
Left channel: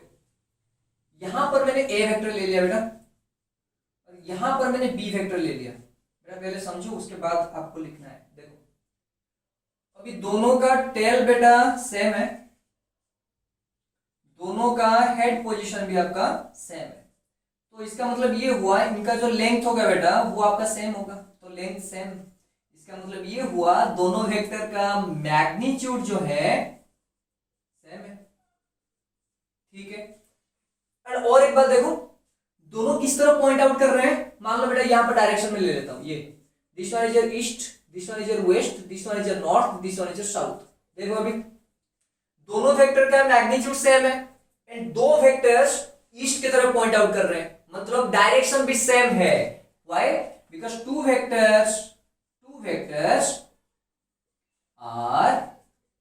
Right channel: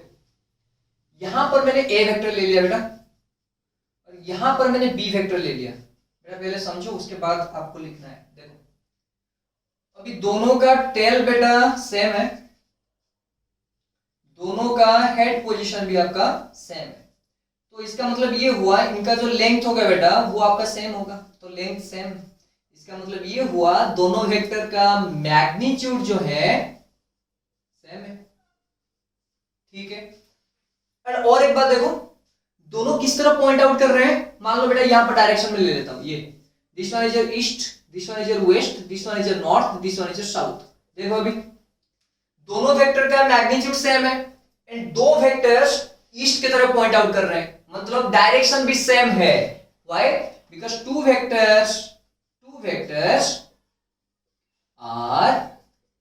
यहां पर मैंने ए वेक्टर ले लिया बेटा, और यहां पर मैंने बी वेक्टर ले लिया बेटा। पहले समझो, उसके बाद आपको लिखना है। देखो अभी दोनों का टेल बेटा सेम है, दोनों का हेड पोजीशन भी आपका सेम है, तो इसका मतलब ये हुआ इनका जो लेंथ होगा बेटा वो आपका सेम होगा, तो लेंथ सेम। इसका मतलब ये हुआ दोनों वेक्टर का मैग्नीट्यूड जो है सेम है। ठीक है, और एक बात देखो, दोनों किस तरह पॉइंट आउट कर रहे हैं। मान लो बेटा यहां पर डायरेक्शन में ले लेता हूं, ये this one is your east, this one is your west, this one is your north, this one is your south. देखो अभी दोनों वेक्टर का मैग्नीट्यूड सेम है, एंड दो वेक्टर्स ईस्ट की तरफ पॉइंट आउट कर रहे हैं, मतलब डायरेक्शन भी सेम है। Why? Because two vectors are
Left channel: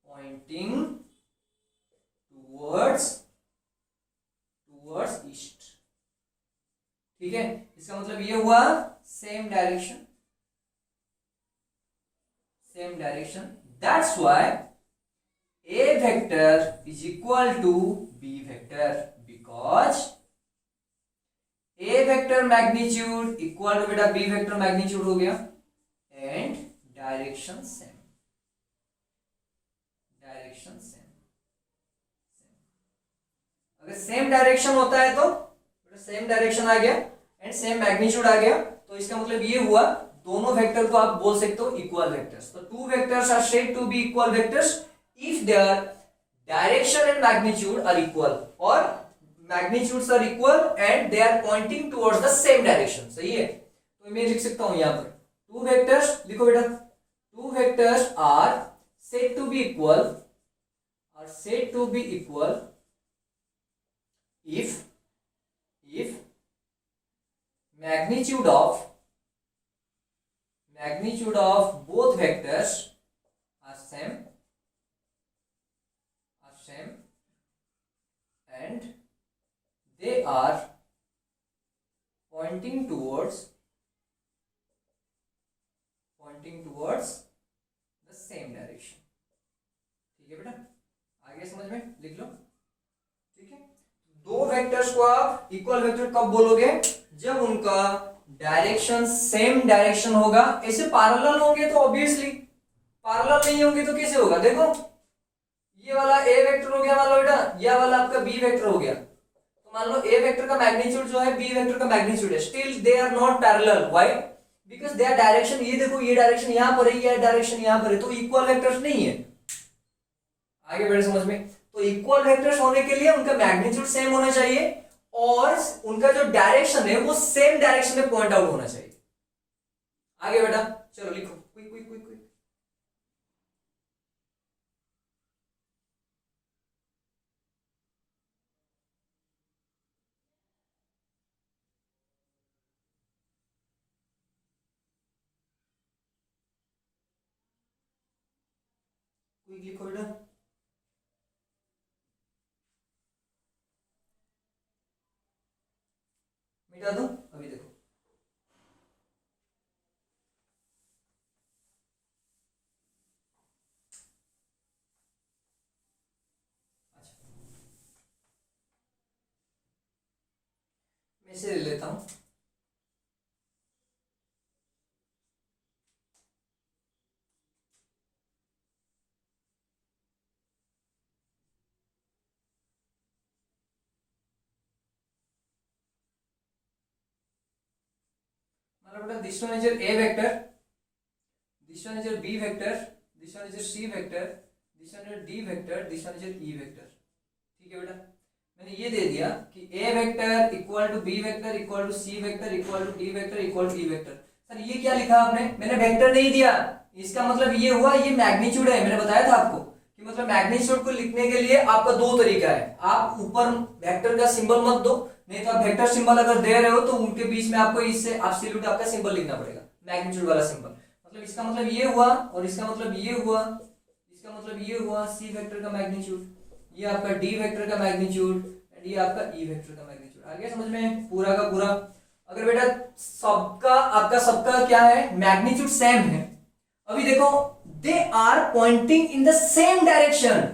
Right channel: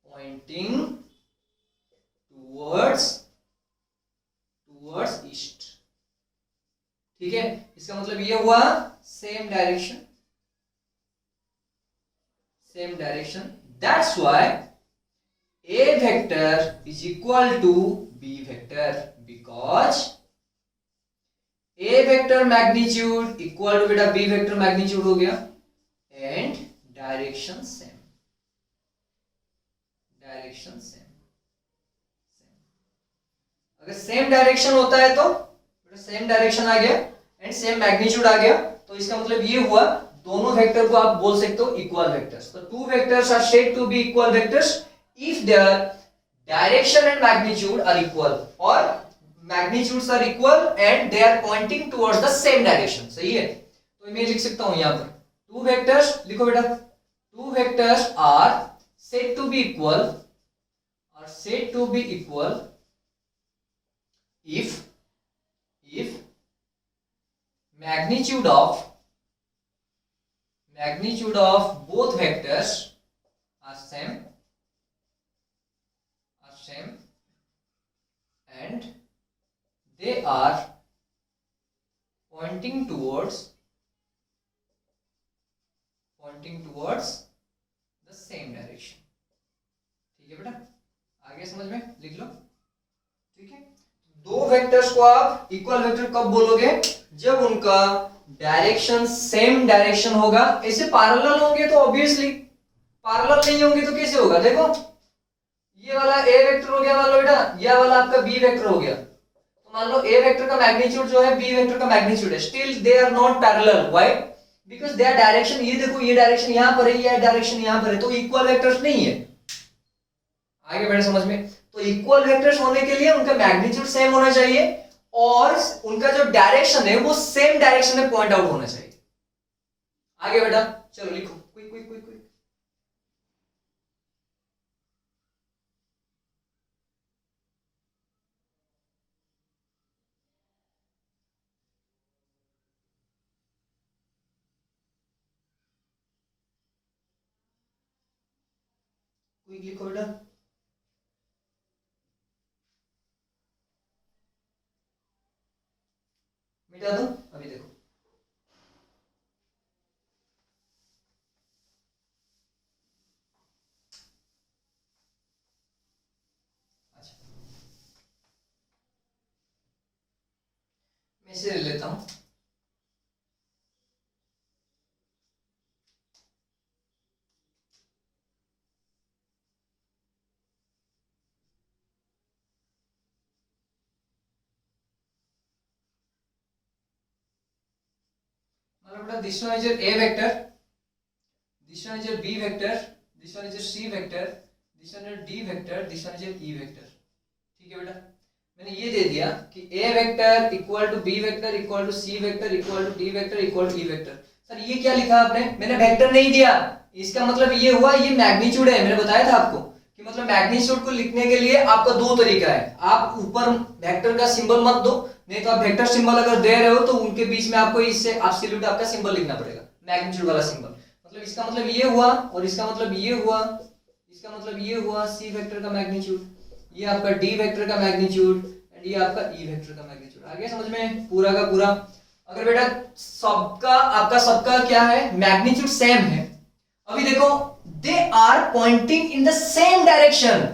pointing towards east. ठीक है, इसका मतलब ये हुआ same direction, that's why A vector is equal to B vector, because A vector magnitude equal to बेटा B vector magnitude हो गया, and direction same, अगर सेम डायरेक्शन होता है तो सेम डायरेक्शन आ गया एंड सेम मैग्नीट्यूड आ गया, तो इसका मतलब ये हुआ दोनों वेक्टर को आप बोल सकते हो इक्वल वेक्टर्स। तो two vectors are said to be equal vectors if their direction and magnitude are equal, or magnitudes are equal and they are pointing towards the same direction। सही है, तो मैं लिख सकता हूं यहां पर टू वेक्टर्स, लिखो बेटा, two vectors are said to be equal if magnitude of both vectors are same and they are pointing towards the same direction। ठीक है बेटा, आगे समझ में, लिख लो। ठीक है, दो वेक्टर्स को आप इक्वल वेक्टर कब बोलोगे, जब उनका डायरेक्शन सेम डायरेक्शन होगा। ऐसे पैरेलल होंगे तो ऑब्वियसली, पैरेलल नहीं होंगे तो कैसे होगा। देखो ये वाला ए वेक्टर हो गया, मान लो बेटा यह वाला आपका बी वेक्टर हो गया, तो मान लो ए वेक्टर का मैग्नीट्यूड जो है बी वेक्टर का मैग्नीट्यूड है, still they are not parallel. Why? Because their direction, ये देखो ये डायरेक्शन यहां पर है, ये डायरेक्शन यहां पर है, तो इक्वल वेक्टर्स नहीं है। आगे बढ़े समझ में, तो इक्वल वेक्टर्स होने के लिए उनका मैग्नीट्यूड सेम होना चाहिए और उनका जो डायरेक्शन है वो सेम डायरेक्शन में पॉइंट आउट होना चाहिए। आगे बेटा चलो लिखो, quick quick quick quick. Quick लिखो बेटा, मिटा दो। अभी देखो अच्छा, मैं इसे ले लेता हूँ। मतलब बेटा this one is your A vector, this one is your B vector, this one is your C vector, this one is your D vector, this one is your E vector. ठीक है बेटा, मैंने ये दे दिया कि A vector equal to B vector equal to C vector equal to D vector equal to E vector. सर ये क्या लिखा आपने? मैंने वेक्टर नहीं दिया, इसका मतलब ये हुआ ये मैग्नीट्यूड है। मैंने बताया था आपको कि मतलब मैग्नीट्यूड को लिखने के लिए आपका दो तरीका है। आप ऊपर वेक्टर का सिंबल मत दो, नहीं तो आप वेक्टर सिंबल अगर दे रहे हो तो उनके बीच में आपको इससे एब्सोल्यूट आपका सिंबल लिखना पड़ेगा, मैग्नीट्यूड वाला सिंबल। मतलब इसका मतलब ये हुआ और इसका मतलब ये हुआ, इसका मतलब ये हुआ सी वेक्टर का मैग्नीट्यूड, ये आपका डी वेक्टर का मैग्नीट्यूड एंड ये आपका ई वेक्टर का मैग्नीट्यूड। आ गया समझ में पूरा का पूरा? अगर बेटा सबका आपका सबका क्या है, मैग्नीट्यूड सेम है। अभी देखो they are pointing in the same direction.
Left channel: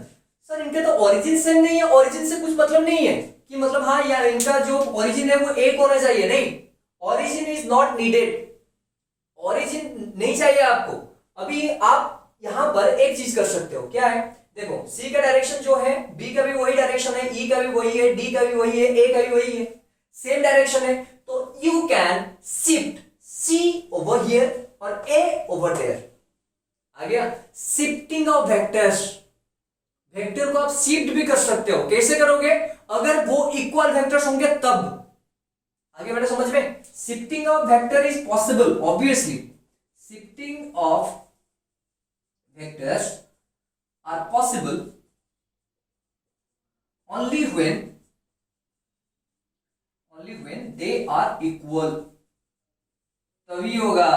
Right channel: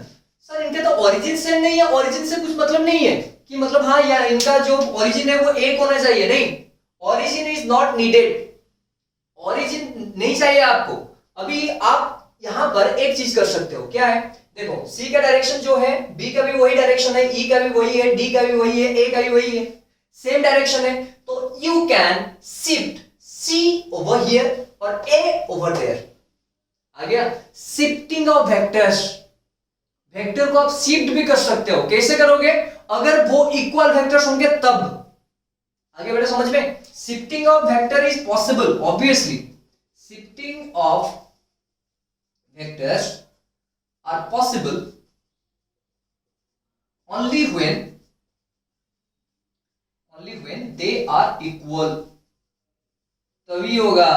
Sir इनके तो ओरिजिन सेम नहीं है, ओरिजिन से कुछ मतलब नहीं है कि मतलब हाँ यार इनका जो ओरिजिन है वो एक होना चाहिए, नहीं, origin is not needed, origin नहीं चाहिए आपको। अभी आप यहां पर एक चीज कर सकते हो, क्या है? देखो C का डायरेक्शन जो है, B का भी वही डायरेक्शन है, E का भी वही है, D का भी वही है, A का भी वही है, सेम डायरेक्शन है, तो you can shift C over here और A ओवर देयर। आ गया शिफ्टिंग ऑफ वेक्टर्स। वेक्टर को आप शिफ्ट भी कर सकते हो, कैसे करोगे? अगर वो इक्वल वेक्टर्स होंगे तब। आगे बेटा समझ में? Shifting of vector is possible obviously, shifting of vectors are possible only when they are equal, तभी होगा।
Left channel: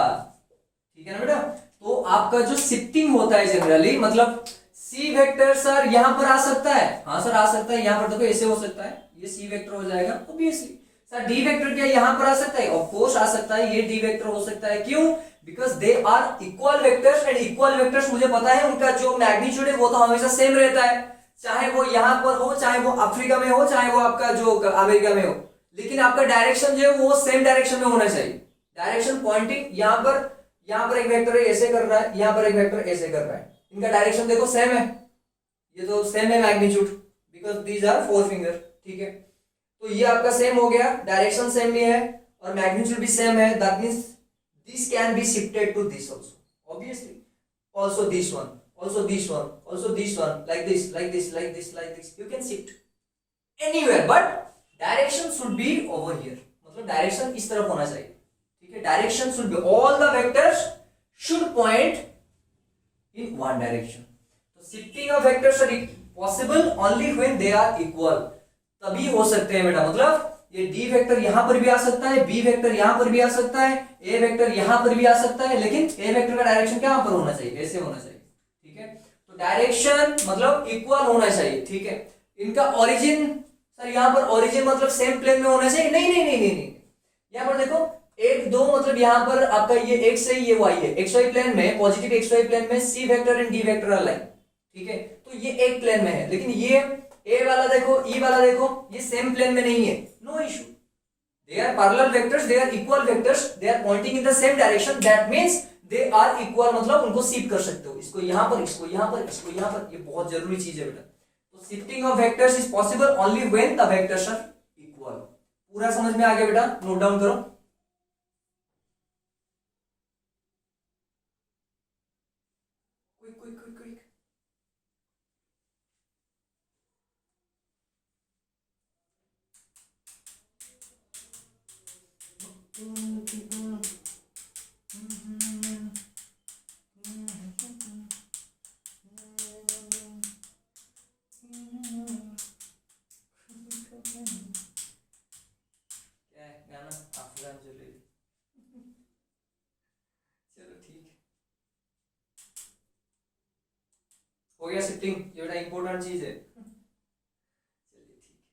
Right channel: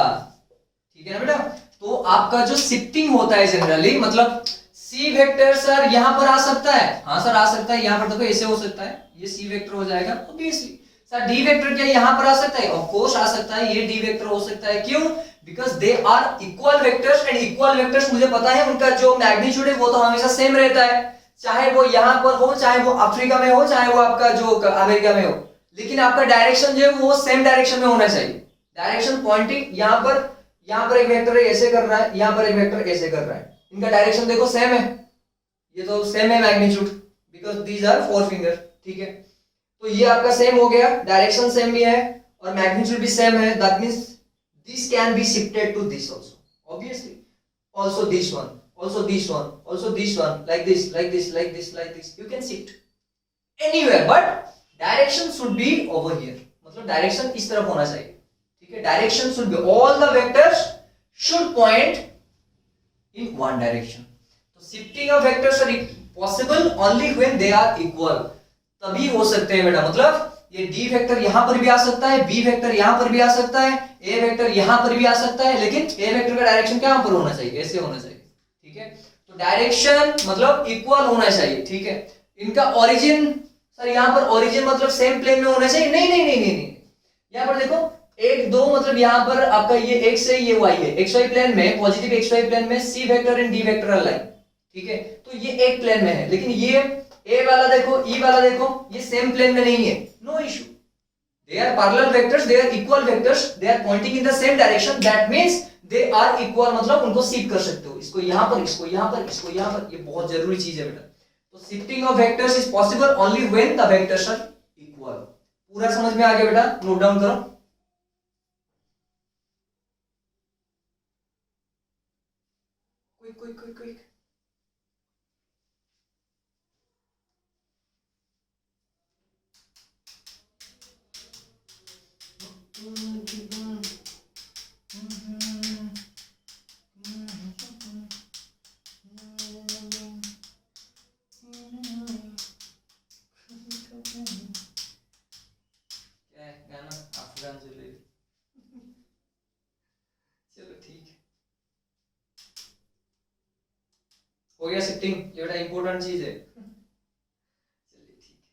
ठीक है ना बेटा? तो आपका जो शिफ्टिंग होता है जनरली, मतलब सी वेक्टर सर यहां पर आ सकता है, हाँ सर आ सकता है, यहां पर देखो ऐसे हो सकता है, ये सी वेक्टर हो जाएगा ऑब्वियसली। सर डी वेक्टर क्या यहां पर आ सकता है? ऑफ कोर्स आ सकता है, ये डी वेक्टर हो सकता है। क्यों? Because they are equal vectors and equal vectors मुझे पता है उनका जो मैग्नीट्यूड है वो तो हमेशा सेम रहता है, चाहे वो यहां पर हो, चाहे वो अफ्रीका में हो, चाहे वो आपका जो अमेरिका में हो, लेकिन आपका डायरेक्शन जो है वो सेम डायरेक्शन में होना चाहिए। डायरेक्शन पॉइंटिंग यहां पर एक वेक्टर ऐसे कर रहा है, यहां पर एक वेक्टर ऐसे कर रहा है, इनका डायरेक्शन देखो सेम है, ये तो सेम है magnitude, because these are four finger. ठीक है, तो ये आपका सेम हो गया, डायरेक्शन सेम भी है और मैग्नीट्यूड भी सेम है, that means this can be shifted to this also obviously, also this one, also this one, also this one, like this, like this, like this, like this, you can shift anywhere but direction should be over here, मतलब direction इस तरफ होना चाहिए। ठीक है, direction should be, all the vectors should point in one direction। तो shifting of vectors are possible only when they are equal, तभी हो सकते हैं बेटा। मतलब ये डी वेक्टर यहां पर भी आ सकता है, बी वेक्टर यहां पर भी आ सकता है, ए वेक्टर यहां पर भी आ सकता है, लेकिन ए वेक्टर का डायरेक्शन क्या पर होना चाहिए? ऐसे होना चाहिए। ठीक है, तो डायरेक्शन मतलब इक्वल होना चाहिए। ठीक है, इनका ओरिजिन सर यहां पर ओरिजिन मतलब सेम प्लेन में होना चाहिए? नहीं नहीं नहीं नहीं नहीं, यहां पर देखो एक दो, मतलब यहां पर आपका ये एक्स है, ये वाई है, एक्स वाई प्लेन में, पॉजिटिव एक्स वाई प्लेन में C vector and D vector are line. ठीक है, तो ये एक प्लेन में है, लेकिन ये ए वाला देखो, ई वाला देखो, ये सेम प्लेन में नहीं है, no issue, they are parallel vectors, they are equal vectors, they are pointing in the same direction, that means they are equal, मतलब उनको शिफ्ट कर सकते हो, इसको यहां पर, इसको यहां पर, इसको यहां पर, ये बहुत जरूरी चीज है बेटा। तो shifting of vectors is possible only when the vectors are equal. पूरा समझ में आ गया बेटा? नोट डाउन करो। Quick quick quick quick. क्या है गाना? अफगान ज्वेलरी। चलो ठीक है, हो गया शिफ्टिंग, ये बड़ा इंपॉर्टेंट चीज है। चलिए ठीक है,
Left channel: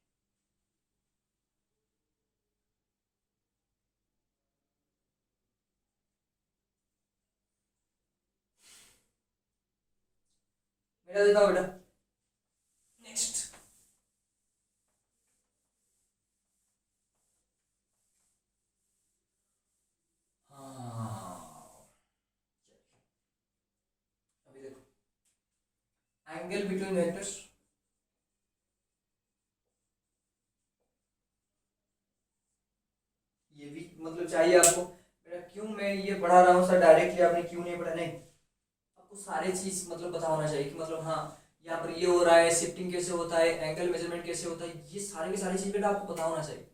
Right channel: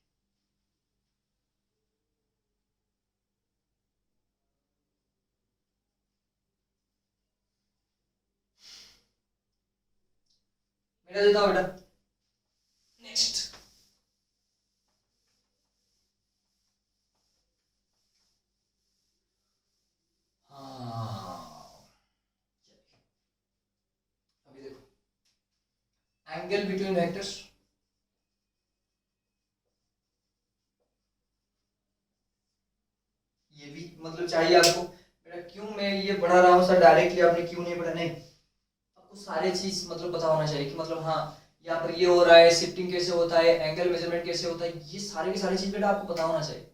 मेरा देता हूं बेटा। नेक्स्ट एंगल बिटवीन वेक्टर्स, ये भी मतलब चाहिए आपको। बेटा क्यों मैं ये पढ़ा रहा हूँ सर, डायरेक्टली आपने क्यों नहीं पढ़ा, नहीं, आपको सारे चीज मतलब पता होना चाहिए कि मतलब हाँ यहाँ पर ये हो रहा है, शिफ्टिंग कैसे होता है, एंगल मेजरमेंट कैसे होता है, ये सारे की सारी चीज बेटा आपको पता होना चाहिए,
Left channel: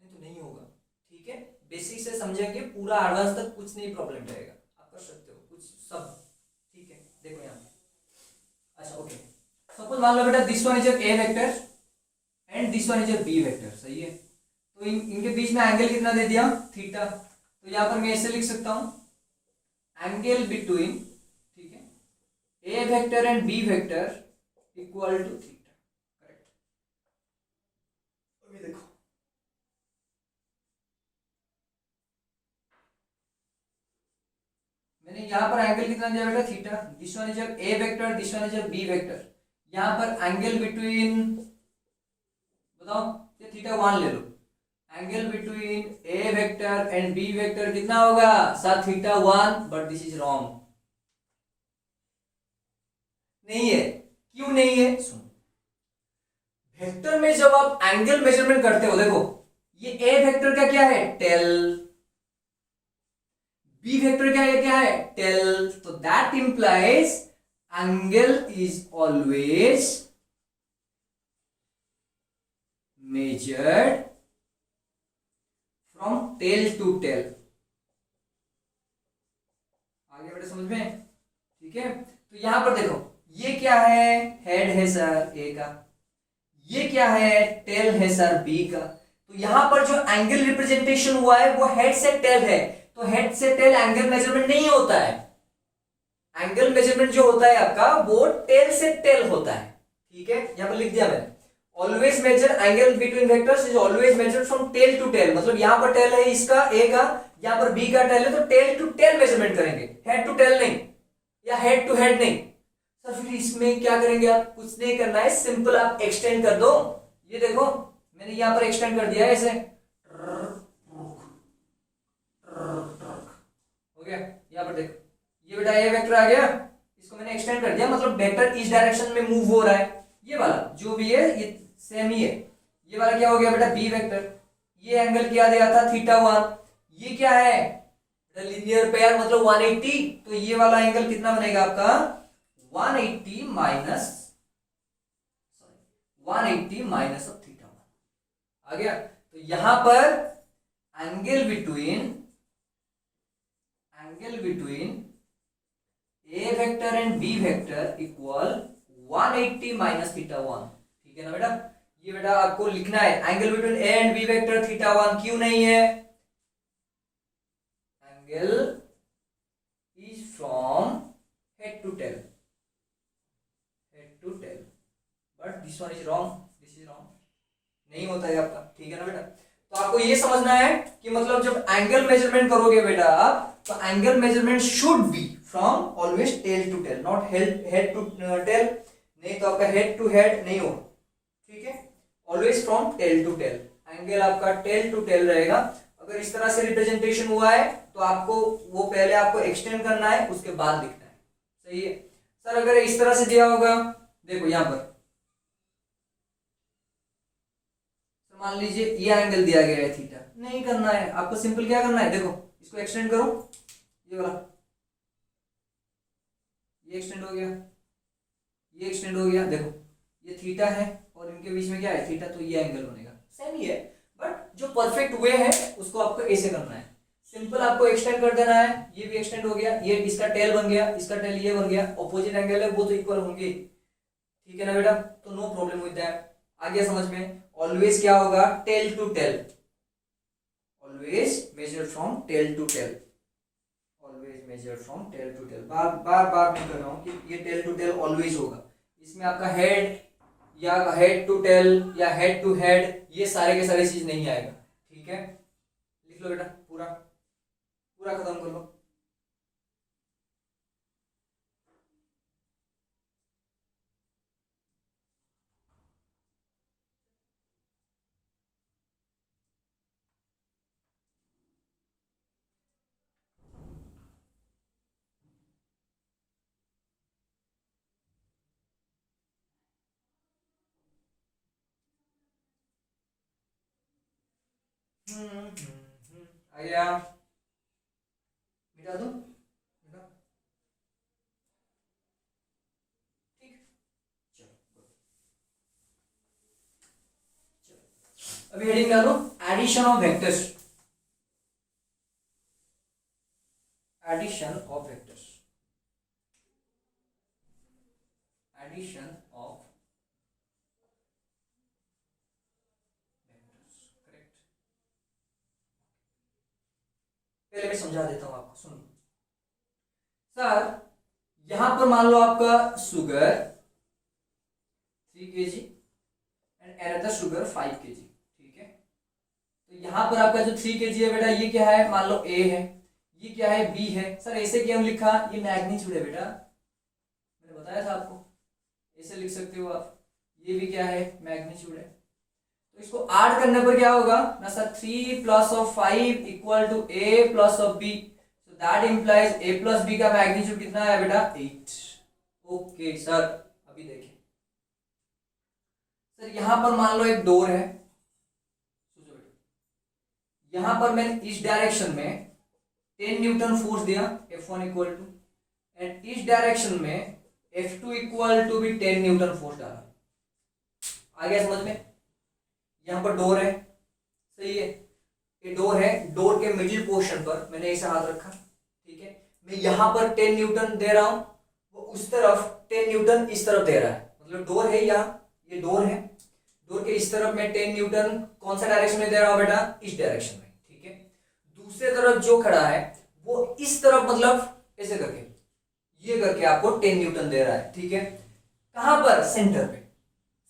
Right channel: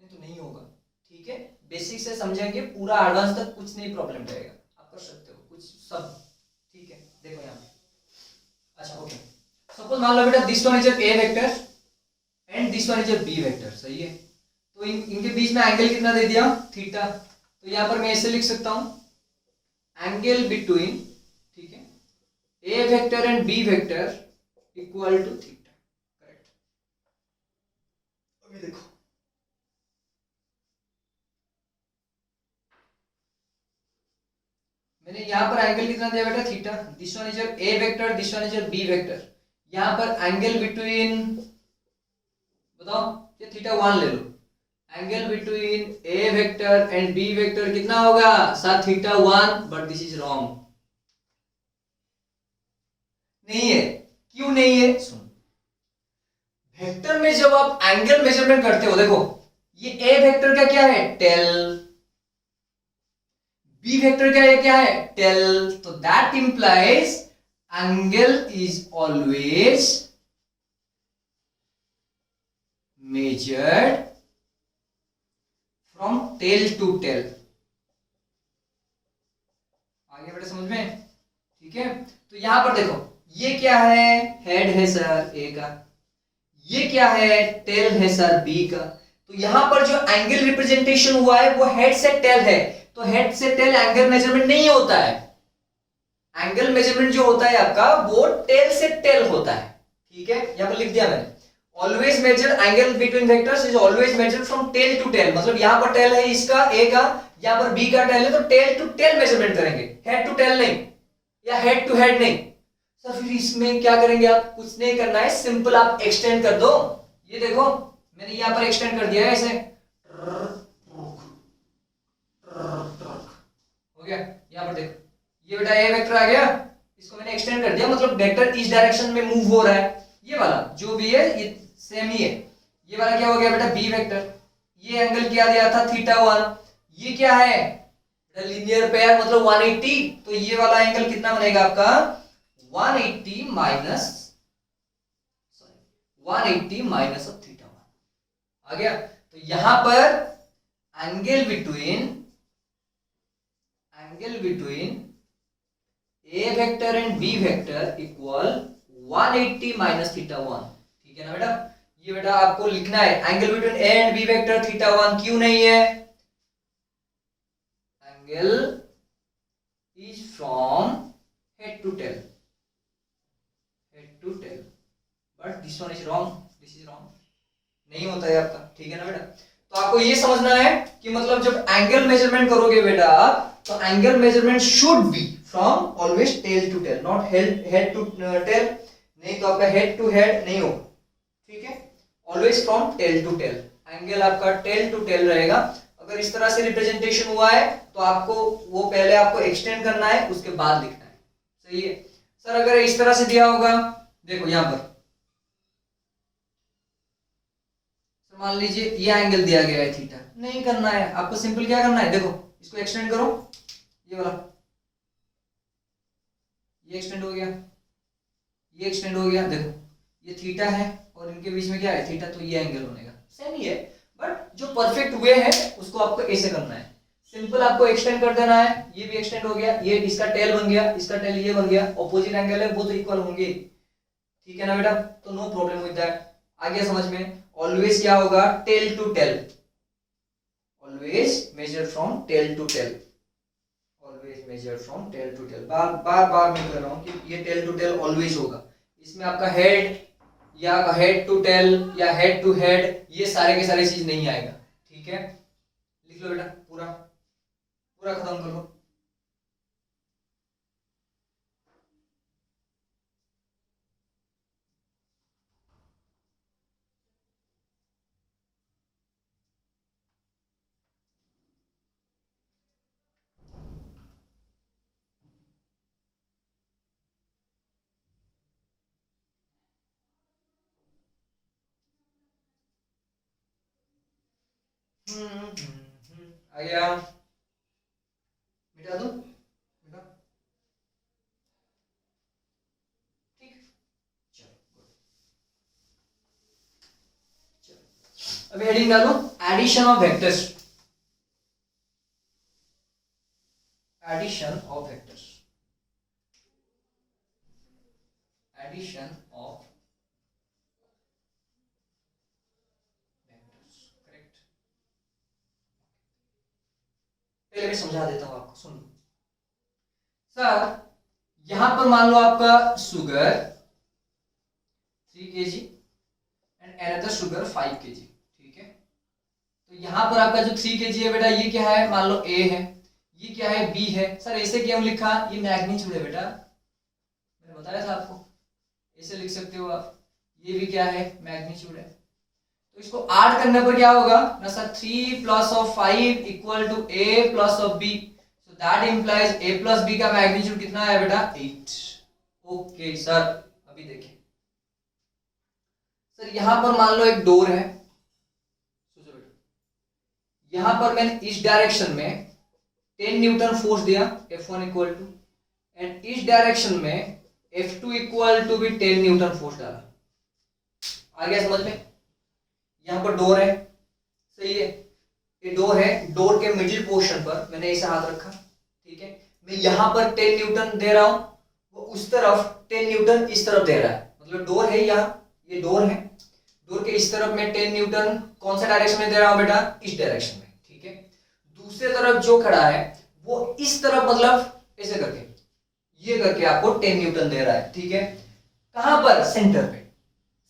नहीं तो नहीं होगा। ठीक है, बेसिक से समझेंगे पूरा एडवांस तक कुछ नहीं प्रॉब्लम रहेगा, आप कर सकते हो कुछ सब। ठीक है, देखो यहाँ पे, अच्छा ओके, सपोज मान लो बेटा this one is A vector and this one is a B vector, सही है, तो इनके बीच में एंगल कितना दे दिया, थीटा, तो यहाँ पर मैं ऐसे लिख सकता हूं एंगल बिटवीन, ठीक है, A vector and B vector equal to theta, correct. अभी देखो मैंने यहाँ पर एंगल कितना दिया बेटा, theta, this one is A vector, this one is B vector, यहाँ पर एंगल बिटवीन, बताओ, ये थीटा वन ले लो, angle between A vector and B vector कितना होगा सर, theta one, but this is wrong, नहीं है, क्यों नहीं है, सुन, वेक्टर में जब आप एंगल मेजरमेंट करते हो, देखो ये ए वेक्टर का क्या है, टेल, बी वेक्टर का क्या है, टेल, तो that implies angle is always measured from tail to tail, आगे बेटा समझ में, ठीक है। तो यहां पर देखो ये क्या है, हेड है सर ए का, ये क्या है, टेल है सर बी का, तो यहां पर जो एंगल रिप्रेजेंटेशन हुआ है वो हेड से टेल है, तो हेड से टेल एंगल मेजरमेंट नहीं होता है, एंगल मेजरमेंट जो होता है आपका वो टेल से टेल होता है, ठीक है, यहां पर लिख दिया मैंने, always measure angle between vectors is always measured from tail to tail, मतलब यहां पर टेल है इसका ए का, यहां पर बी का टेल है, तो टेल टू टेल मेजरमेंट करेंगे, हेड टू टेल नहीं, या हेड टू हेड नहीं। सर फिर इसमें क्या करेंगे आप, कुछ नहीं करना है, सिंपल आप एक्सटेंड कर दो, ये देखो मैंने यहां पर एक्सटेंड कर दिया है ऐसे, हो गया, यहां पर देखो ये बेटा ए वेक्टर आ गया, इसको मैंने एक्सटेंड कर दिया, मतलब वेक्टर इस डायरेक्शन में मूव हो रहा है, ये वाला जो भी है ये सेम ही है, ये वाला क्या हो गया बेटा बी वेक्टर, ये एंगल क्या दिया था थीटा वन, ये क्या है लीनियर पेयर मतलब 180, तो ये वाला एंगल कितना बनेगा आपका 180 minus, 180 minus of theta one, आ गया, तो यहां पर angle between A vector and B vector equal 180 minus theta one, ठीक है ना बेटा, ये बेटा आपको लिखना है, angle between A and B vector theta one क्यों नहीं है, angle is from head to tail, but this one is wrong, this is wrong, नहीं होता है आपका, ठीक है ना बेटा। तो आपको ये समझना है कि मतलब जब एंगल मेजरमेंट करोगे बेटा आप, तो angle measurement should be from always tail to tail, not head to tail, नहीं तो आपका हेड टू हेड नहीं हो, ठीक है, always from tail to tail, angle आपका टेल टू टेल रहेगा। अगर इस तरह से रिप्रेजेंटेशन हुआ है तो आपको वो पहले आपको एक्सटेंड करना है, उसके बाद लिखना है, सही है। सर अगर इस तरह से दिया होगा, देखो यहां पर मान लीजिए ये एंगल दिया गया है थीटा, नहीं करना है आपको, सिंपल क्या करना है, देखो इसको एक्सटेंड करो, ये वाला, ये एक्सटेंड हो गया, ये एक्सटेंड हो गया, देखो ये थीटा है और इनके बीच में क्या है थीटा, तो ये एंगल बनेगा, सेम ही है, बट जो परफेक्ट वे है उसको आपको ऐसे करना है, सिंपल आपको एक्सटेंड कर देना है, ये भी एक्सटेंड हो गया, ये इसका टेल बन गया, इसका टेल ये बन गया, ऑपोजिट एंगल है वो तो इक्वल होंगे, ठीक है ना बेटा, तो नो प्रॉब्लम विद दैट, आ गया समझ में। ऑलवेज क्या होगा tail to tail, always measure from tail to tail, always measure from tail to tail, बार बार बार मैं कर रहा हूं कि ये टेल टू टेल ऑलवेज होगा, इसमें आपका हेड या हेड टू टेल या हेड टू हेड ये सारे के सारे चीज नहीं आएगा, ठीक है, लिख लो बेटा, पूरा पूरा खत्म कर लो। आ गया, मिटा दूं, मिटा, ठीक, चलो अभी हेडिंग डालो, addition of vectors, addition of vectors, addition of vectors, correct. पहले मैं समझा देता हूं आपको, सुनो सर, यहां पर मान लो आपका sugar 3 kg and another sugar 5 kg, ठीक है। तो यहां पर आपका जो 3 kg है बेटा, ये क्या है, मान लो A है, ये क्या है, B है। सर ऐसे क्यों लिखा, ये मैग्नीट्यूड है बेटा, मैंने बताया था आपको, ऐसे लिख सकते हो आप। ये भी क्या है, मैग्नीट्यूड है। तो इसको ऐड करने पर क्या होगा ना sir, 3 plus of 5 equal to A plus of B, so that implies A plus B का मैग्नीट्यूड कितना है बेटा, 8। ओके सर, अभी देखिए सर, यहां पर मान लो एक डोर है, यहां पर मैंने इस डायरेक्शन में 10 न्यूटन फोर्स दिया, F1 इक्वल टू, एंड इस डायरेक्शन में F2 इक्वल टू भी 10 न्यूटन फोर्स डाला। आ गया समझ में? यहां पर डोर है, सही है, ये डोर है, डोर के मिडिल पोर्शन पर मैंने ऐसा हाथ रखा, ठीक है। मैं यहां पर 10 न्यूटन दे रहा हूं, वो उस तरफ 10 न्यूटन इस तरफ दे रहा है, मतलब डोर है यहाँ, ये डोर है, डोर के इस तरफ में 10 न्यूटन कौन सा डायरेक्शन में दे रहा हूं बेटा, इस डायरेक्शन में, ठीक है। दूसरे तरफ जो खड़ा है वो इस तरफ, मतलब ऐसे करके, ये करके आपको 10 न्यूटन दे रहा है, ठीक है। कहां पर, सेंटर पे,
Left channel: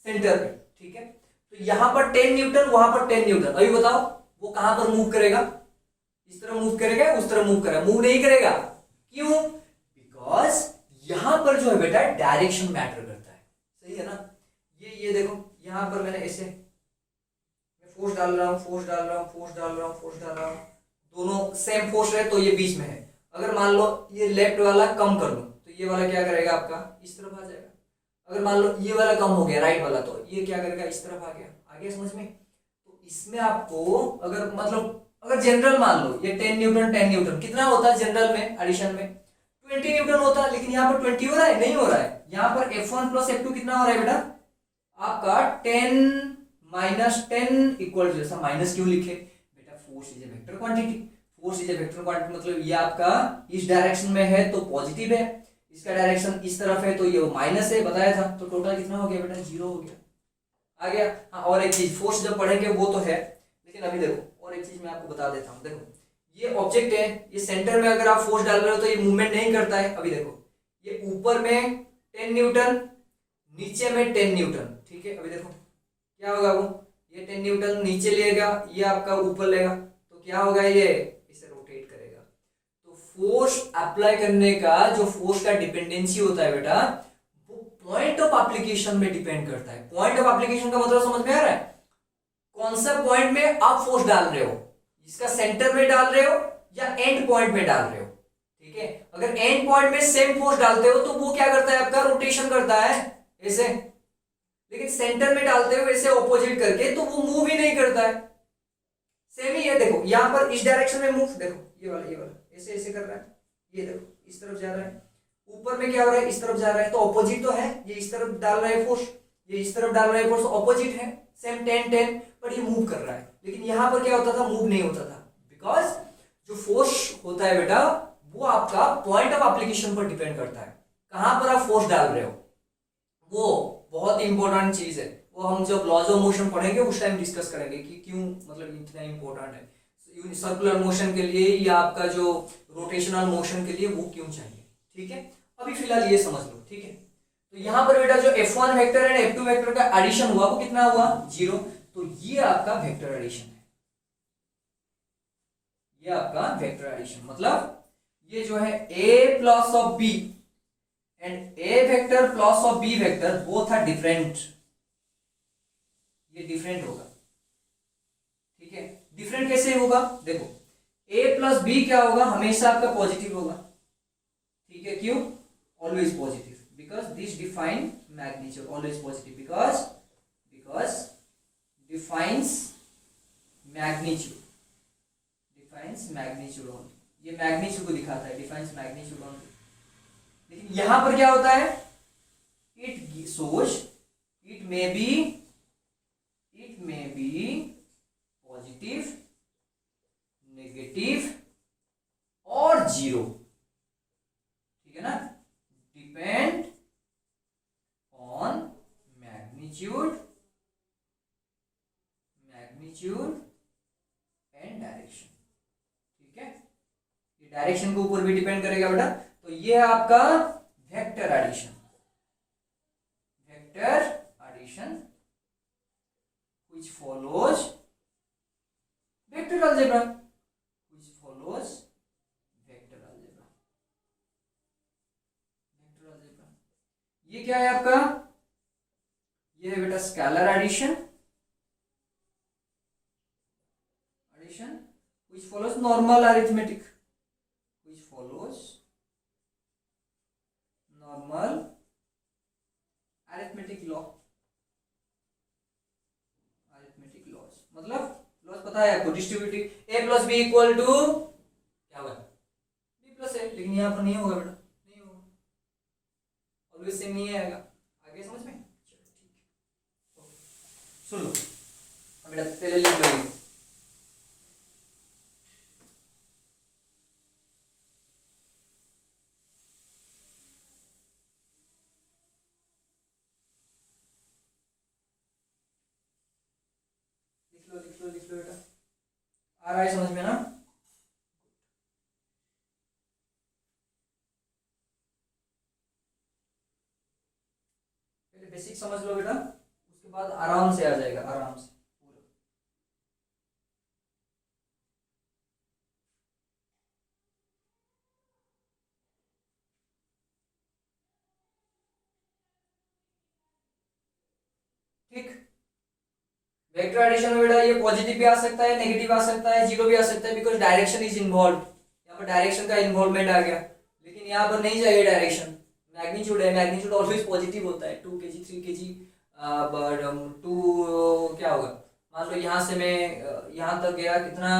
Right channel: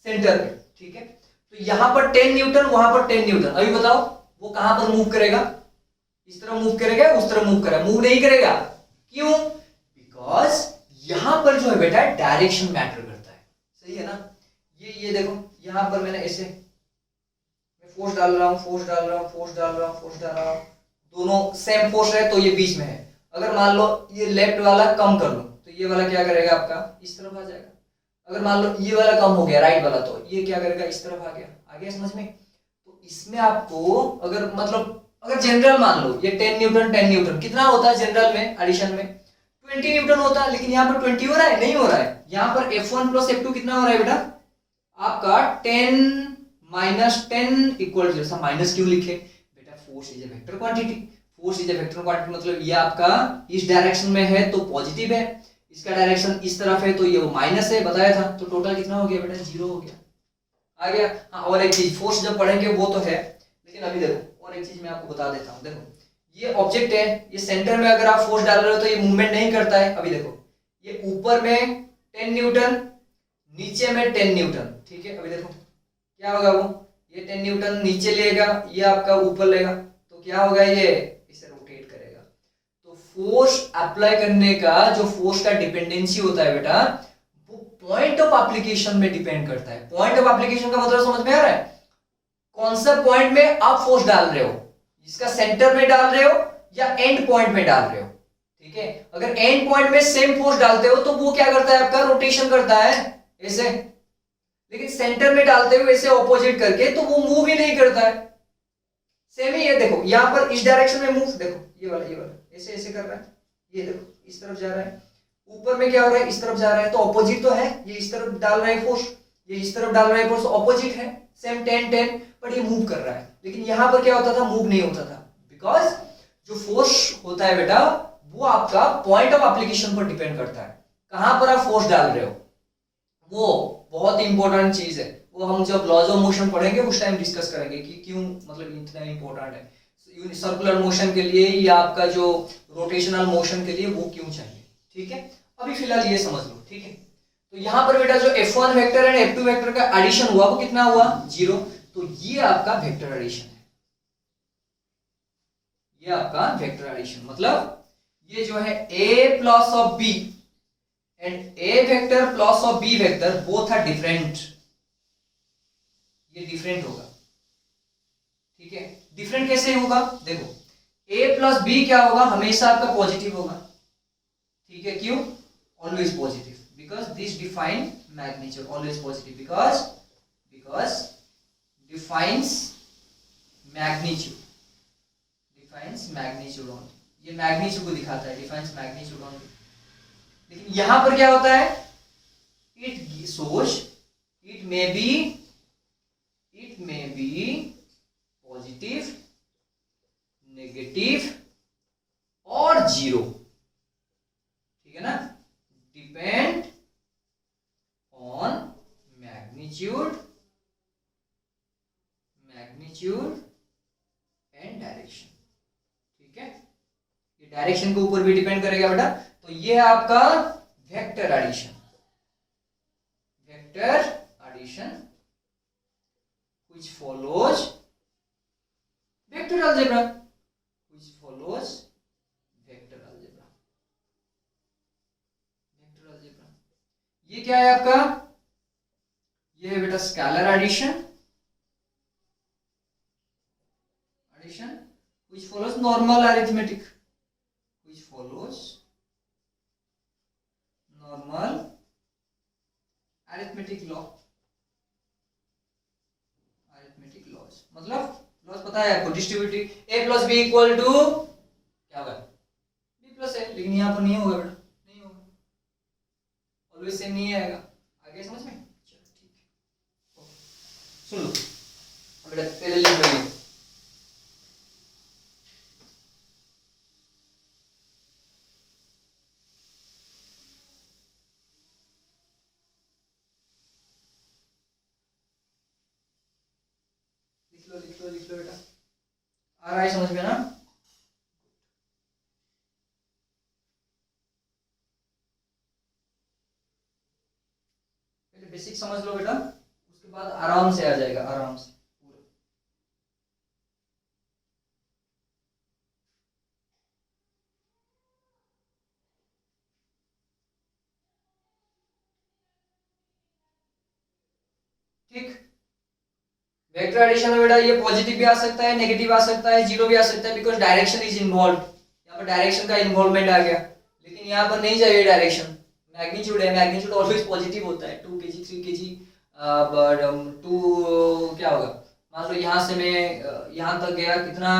सेंटर पे, ठीक है। तो यहां पर 10 न्यूटन, वहां पर 10 न्यूटन, अभी बताओ वो कहां पर मूव करेगा, इस तरफ मूव करेगा, उस तरफ मूव करेगा, मूव नहीं करेगा, क्यों, बिकॉज यहां पर जो है बेटा डायरेक्शन मैटर करता है, सही है ना। ये देखो, यहां पर मैंने ऐसे, मैं फोर्स डाल रहा हूं, फोर्स डाल रहा हूं, फोर्स डाल रहा हूं, फोर्स डाल रहा हूं, दोनों सेम फोर्स है तो ये बीच में है। अगर मान लो ये लेफ्ट वाला कम कर लो तो ये वाला क्या करेगा आपका, इस तरफ आ जाएगा। अगर मान लो ये वाला कम हो गया, राइट वाला, तो ये क्या करेगा, इस तरफ आ गया समझ में। तो इसमें आपको अगर मतलब अगर जनरल मान लो ये 10 न्यूटन 10 न्यूटन कितना होता है जनरल में, एडिशन में 20 न्यूटन होता है, लेकिन यहाँ पर 20 हो रहा है, नहीं हो रहा है। यहाँ पर F1 प्लस F2 कितना हो रहा है बेटा आपका 10 माइनस 10 इक्वल 0। सब माइनस क्यों लिखे बेटा, force is a vector quantity, force is a vector quantity, मतलब ये आपका इस डायरेक्शन में है तो पॉजिटिव है, इसका डायरेक्शन इस तरफ है तो ये माइनस है, बताया था। तो टोटल कितना हो गया बेटा, 0 हो गया, आ गया। हाँ, और एक चीज फोर्स जब पढ़ेंगे वो तो है, लेकिन अभी देखो और एक चीज मैं आपको बता देता हूँ। देखो ये ऑब्जेक्ट है, ये सेंटर में अगर आप फोर्स डाल रहे हो तो ये मूवमेंट नहीं करता है। अभी देखो ये ऊपर में 10 न्यूटन, नीचे में 10 न्यूटन, ठीक है। अभी देखो क्या होगा, वो ये 10 न्यूटन नीचे लेगा, ये आपका ऊपर लेगा, तो क्या होगा, ये इसे रोटेट करेगा। तो फोर्स अप्लाई करने का जो फोर्स का डिपेंडेंसी होता है बेटा, वो पॉइंट ऑफ एप्लीकेशन में डिपेंड करता है। पॉइंट ऑफ एप्लीकेशन का मतलब समझ में आ रहा है, कौन सा पॉइंट में आप फोर्स डाल रहे हो, इसका सेंटर में डाल रहे हो या एंड पॉइंट में डाल रहे हो, ठीक है। अगर एंड पॉइंट में सेम फोर्स डालते हो तो वो क्या करता है आपका, रोटेशन करता है ऐसे, लेकिन सेंटर में डालते हो ऐसे ऑपोजिट करके तो वो मूव ही नहीं करता है। सेम ही है, देखो यहां पर इस डायरेक्शन में मूव, देखो ये वाला ऐसे ऐसे कर रहा है, ये देखो इस तरफ जा रहा है, ऊपर में क्या हो रहा है, इस तरफ जा रहा है, तो ऑपोजिट तो है, ये इस तरफ डाल रहा है फोर्स, ये इस तरफ डाल रहा है फोर्स, ऑपोजिट है, सेम 10 10, बट ये मूव कर रहा है। लेकिन यहां पर क्या होता था, मूव नहीं होता था, बिकॉज जो फोर्स होता है बेटा वो आपका पॉइंट ऑफ एप्लीकेशन पर डिपेंड करता है, कहां पर आप फोर्स डाल रहे हो। वो बहुत इंपॉर्टेंट चीज है, वो हम जब लॉज ऑफ मोशन पढ़ेंगे उस टाइम डिस्कस करेंगे कि क्यों मतलब इतना इंपॉर्टेंट है। सर्कुलर मोशन के लिए या आपका जो रोटेशनल मोशन के लिए वो क्यों चाहिए, ठीक है। अभी फिलहाल ये समझ लो, ठीक है। तो यहां पर बेटा जो F1 vector and F2 vector का एडिशन हुआ वो कितना हुआ, 0। तो ये आपका वेक्टर एडिशन है, ये आपका वेक्टर एडिशन, मतलब ये जो है A plus of B and A vector plus of B vector both are different, ये डिफरेंट होगा, ठीक है। डिफरेंट कैसे होगा, देखो A प्लस B क्या होगा, हमेशा आपका पॉजिटिव होगा, ठीक है। क्यों, always positive, because this define magnitude, always positive because defines magnitude, defines magnitude only, ये मैग्नीट्यूड को दिखाता है, डिफाइंस मैग्नीट्यूड ओनली। लेकिन यहां पर क्या होता है, it shows it may be positive, negative और जीरो, ठीक है ना, depend on magnitude and direction, ठीक है। ये डायरेक्शन के ऊपर भी डिपेंड करेगा बेटा। तो ये है आपका vector addition, which follows vector algebra, ये क्या है आपका, ये है बेटा scalar addition which follows normal arithmetic, laws, मतलब लॉज पता है आपको, distributive a plus B equal to क्या होगा, b प्लस a, लेकिन यहाँ पर नहीं होगा बेटा, नहीं होगा, ऑलवेज सेम नहीं आएगा। आगे समझ में, चलो ठीक है, सुन लो बेटा, पहले लिख लो, लिख लो बेटा, आ रहा है समझ में ना। पहले बेसिक समझ लो बेटा, उसके बाद आराम से आ जाएगा, आराम से पूरा। ठीक, वेक्टर एडिशन में बेटा ये पॉजिटिव भी आ सकता है, नेगेटिव आ सकता है, जीरो भी आ सकता है, बिकॉज डायरेक्शन इज इन्वॉल्व। यहाँ पर डायरेक्शन का इन्वॉल्वमेंट आ गया, लेकिन यहाँ पर नहीं चाहिए डायरेक्शन, मैग्नीट्यूड है, मैग्नीट्यूड ऑलवेज पॉजिटिव होता है, 2 kg 3 kg, बट 2 क्या होगा, मान लो यहाँ से मैं यहाँ तक गया कितना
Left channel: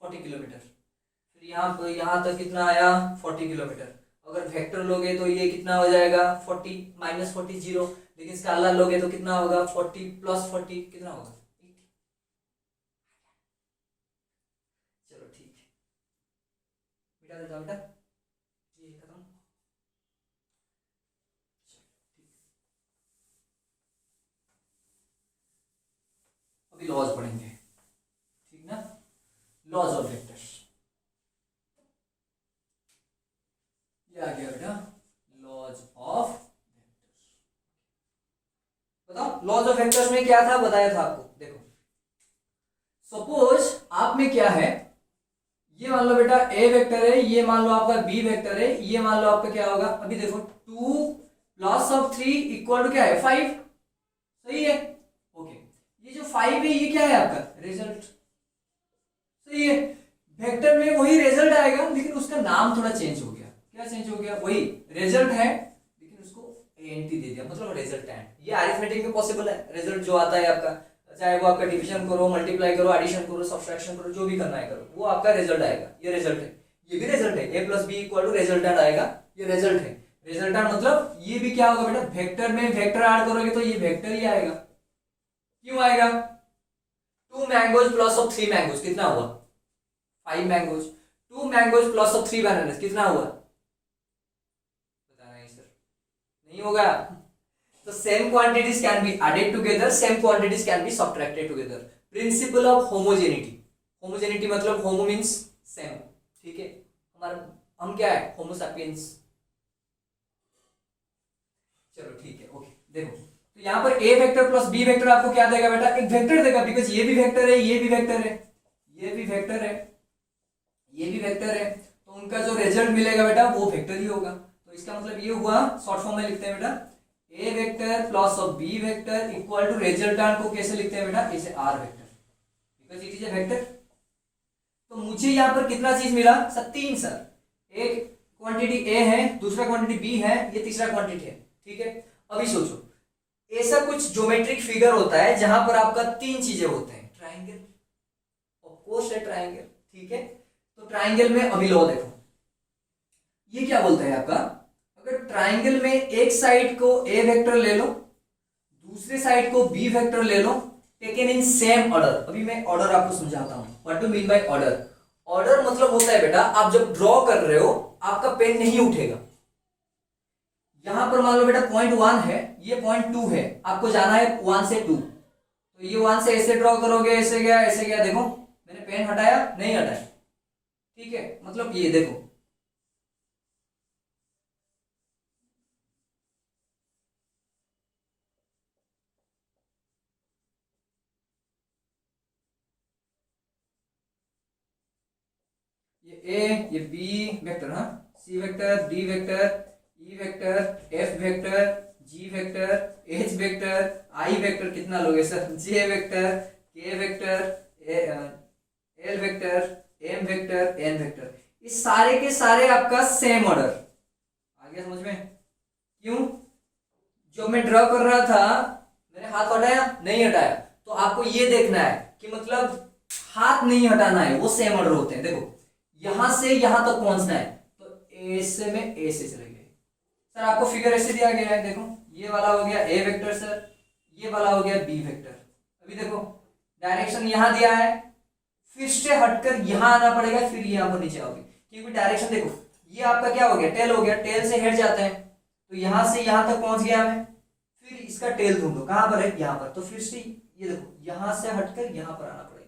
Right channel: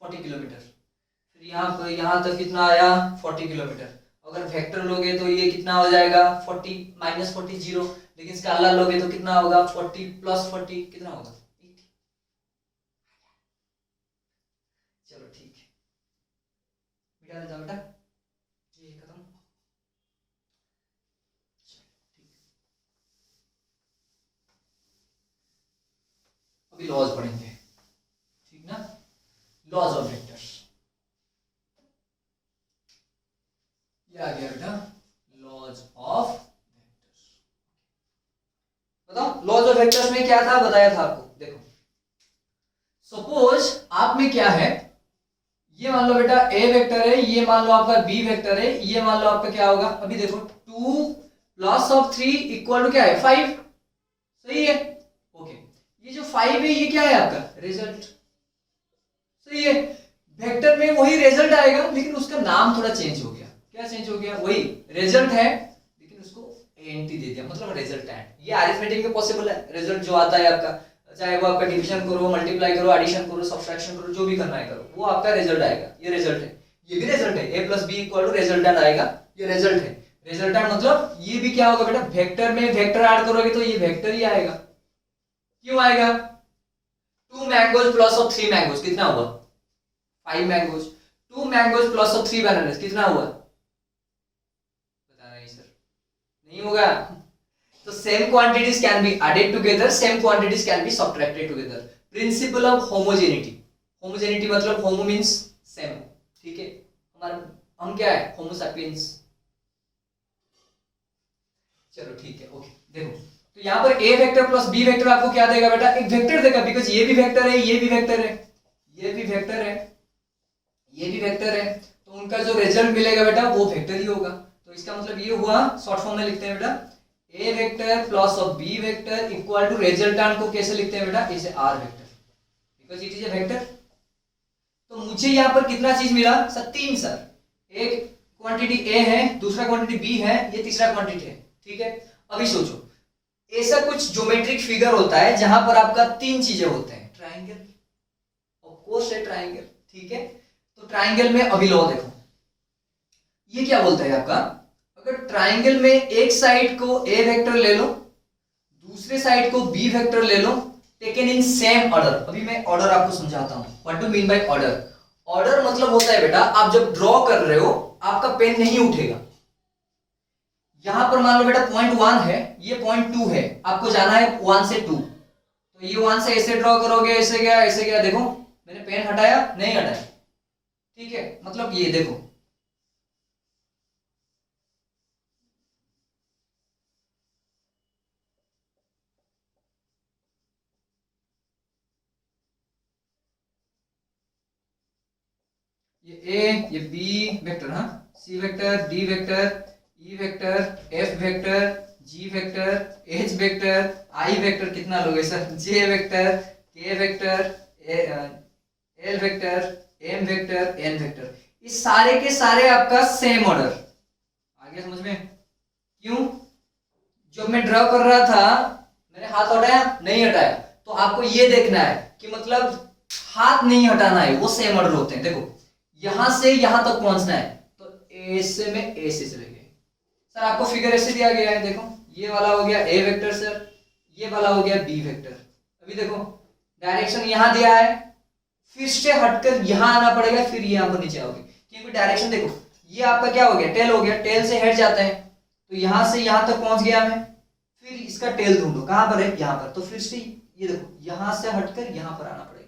40 किलोमीटर, फिर यहाँ पर यहाँ तक कितना आया 40 किलोमीटर। अगर वेक्टर लोगे तो ये कितना हो जाएगा 40 माइनस 40 जीरो, लेकिन स्केलर लोगे तो कितना होगा 40 प्लस 40 कितना होगा 80। चलो ठीक है, मिटा देता हूं बेटा, ये खत्म। अभी लॉज पढ़ेंगे, ठीक ना, लॉज ऑफ वेक्टर्स। ये आ गया बेटा लॉज ऑफ वेक्टर्स। बताओ लॉज ऑफ वेक्टर्स में क्या था, बताया था आपको। देखो सपोज आप में क्या है, ये मान लो बेटा ए वेक्टर है, ये मान लो आपका बी वेक्टर है, ये मान लो आपका क्या होगा, अभी देखो 2 प्लस ऑफ 3 इक्वल टू क्या है 5, सही है, ओके। ये जो 5 है ये क्या है आपका रिजल्ट, सही है। वेक्टर में वही रिजल्ट आएगा, लेकिन उसका नाम थोड़ा चेंज हो गया, क्या चेंज हो गया, वही रिजल्ट है लेकिन उसको एंटी दे दिया, मतलब रिजल्टेंट। ये अरिथमेटिक में पॉसिबल है, रिजल्ट जो आता है आपका, चाहे वो आपका डिवीजन करो, मल्टीप्लाई करो, एडिशन करो, सब्सट्रैक्शन करो, जो भी करना है करो, वो आपका रिजल्ट आएगा, ये रिजल्ट है। ये भी रिजल्ट है, a plus B equal to resultant आएगा, ये रिजल्ट है। रिजल्टेंट मतलब ये भी क्या होगा बेटा, वेक्टर में वेक्टर ऐड करोगे तो ये वेक्टर ही आएगा। क्यों आएगा, 2 मैंगोज प्लस ऑफ 3 मैंगोज कितना हुआ 5 mangoes, 2 mangoes plus of 3 bananas कितना हुआ, बताना है सर, नहीं होगा। So same quantities can be added together, same quantities can be subtracted together. Principle of homogeneity. Homogeneity मतलब homo means same, ठीक है। हमारा हम क्या है homo sapiens। चलो ठीक है, ओके। देखो तो यहाँ पर a vector plus b vector आपको क्या देगा बेटा, एक वेक्टर देगा, बिकॉज ये भी वेक्टर है, ये भी वेक्टर है, ये भी वेक्टर है, ये भी वेक्टर है, तो उनका जो रिजल्ट मिलेगा बेटा वो वेक्टर ही होगा। तो इसका मतलब ये हुआ, शॉर्ट फॉर्म में लिखते हैं बेटा a vector plus of b vector equal to resultant को कैसे लिखते हैं बेटा, इसे r vector, because it is A vector. तो मुझे यहाँ पर कितना चीज मिला सर, 3 सर, एक क्वांटिटी a है, दूसरा क्वांटिटी b है, ये तीसरा क्वांटिटी है, ठीक है। अभी सोचो ऐसा कुछ ज्योमेट्रिक फिगर होता है जहां पर आपका 3 चीजें होते हैं, ट्राइंगल, ऑफ कोर्स है ट्राइंगल, ठीक है, तो ट्राइंगल में अभी लो देखो, ये क्या बोलता है आपका, अगर ट्राइंगल में एक साइड को ए वेक्टर ले लो, दूसरे साइड को बी वेक्टर ले लो, टेकन इन सेम ऑर्डर। अभी मैं ऑर्डर आपको समझाता हूं, what do mean by order. Order मतलब होता है बेटा, आप जब ड्रॉ कर रहे हो आपका पेन नहीं उठेगा। यहां पर मान लो बेटा पॉइंट 1 है, ये पॉइंट 2 है, आपको जाना है 1 से 2, तो ये 1 से ऐसे ड्रॉ करोगे, ऐसे गया ऐसे गया, देखो मैंने पेन हटाया नहीं हटाया, ठीक है, मतलब ये देखो ये ए, ये बी वेक्टर, हाँ, C vector, D vector, E vector, F vector, G vector, H vector, I vector, कितना लोगे sir, J vector, K vector, L vector, M vector, N vector, इस सारे के सारे आपका सेम ऑर्डर आ गया समझ में। क्यों, जो मैं ड्रॉ कर रहा था मैंने हाथ हटाया नहीं हटाया, तो आपको ये देखना है कि मतलब हाथ नहीं हटाना है, वो सेम ऑर्डर होते हैं। देखो यहां से यहां तक पहुंचना है, तो ए से में ए से चले गए सर, आपको फिगर ऐसे दिया गया है, देखो ये वाला हो गया ए वेक्टर सर, ये वाला हो गया बी वेक्टर। अभी देखो डायरेक्शन यहां दिया है, फिर से हटकर यहां आना पड़ेगा, फिर यहां पर नीचे आओगे, क्योंकि डायरेक्शन देखो ये आपका क्या हो गया, टेल हो गया, टेल से हट जाते हैं, तो यहां से यहां तक पहुंच गया मैं, फिर इसका टेल ढूंढो कहां पर है, यहां पर, तो फिर से ये देखो यहां से हटकर यहां पर आना पड़ेगा,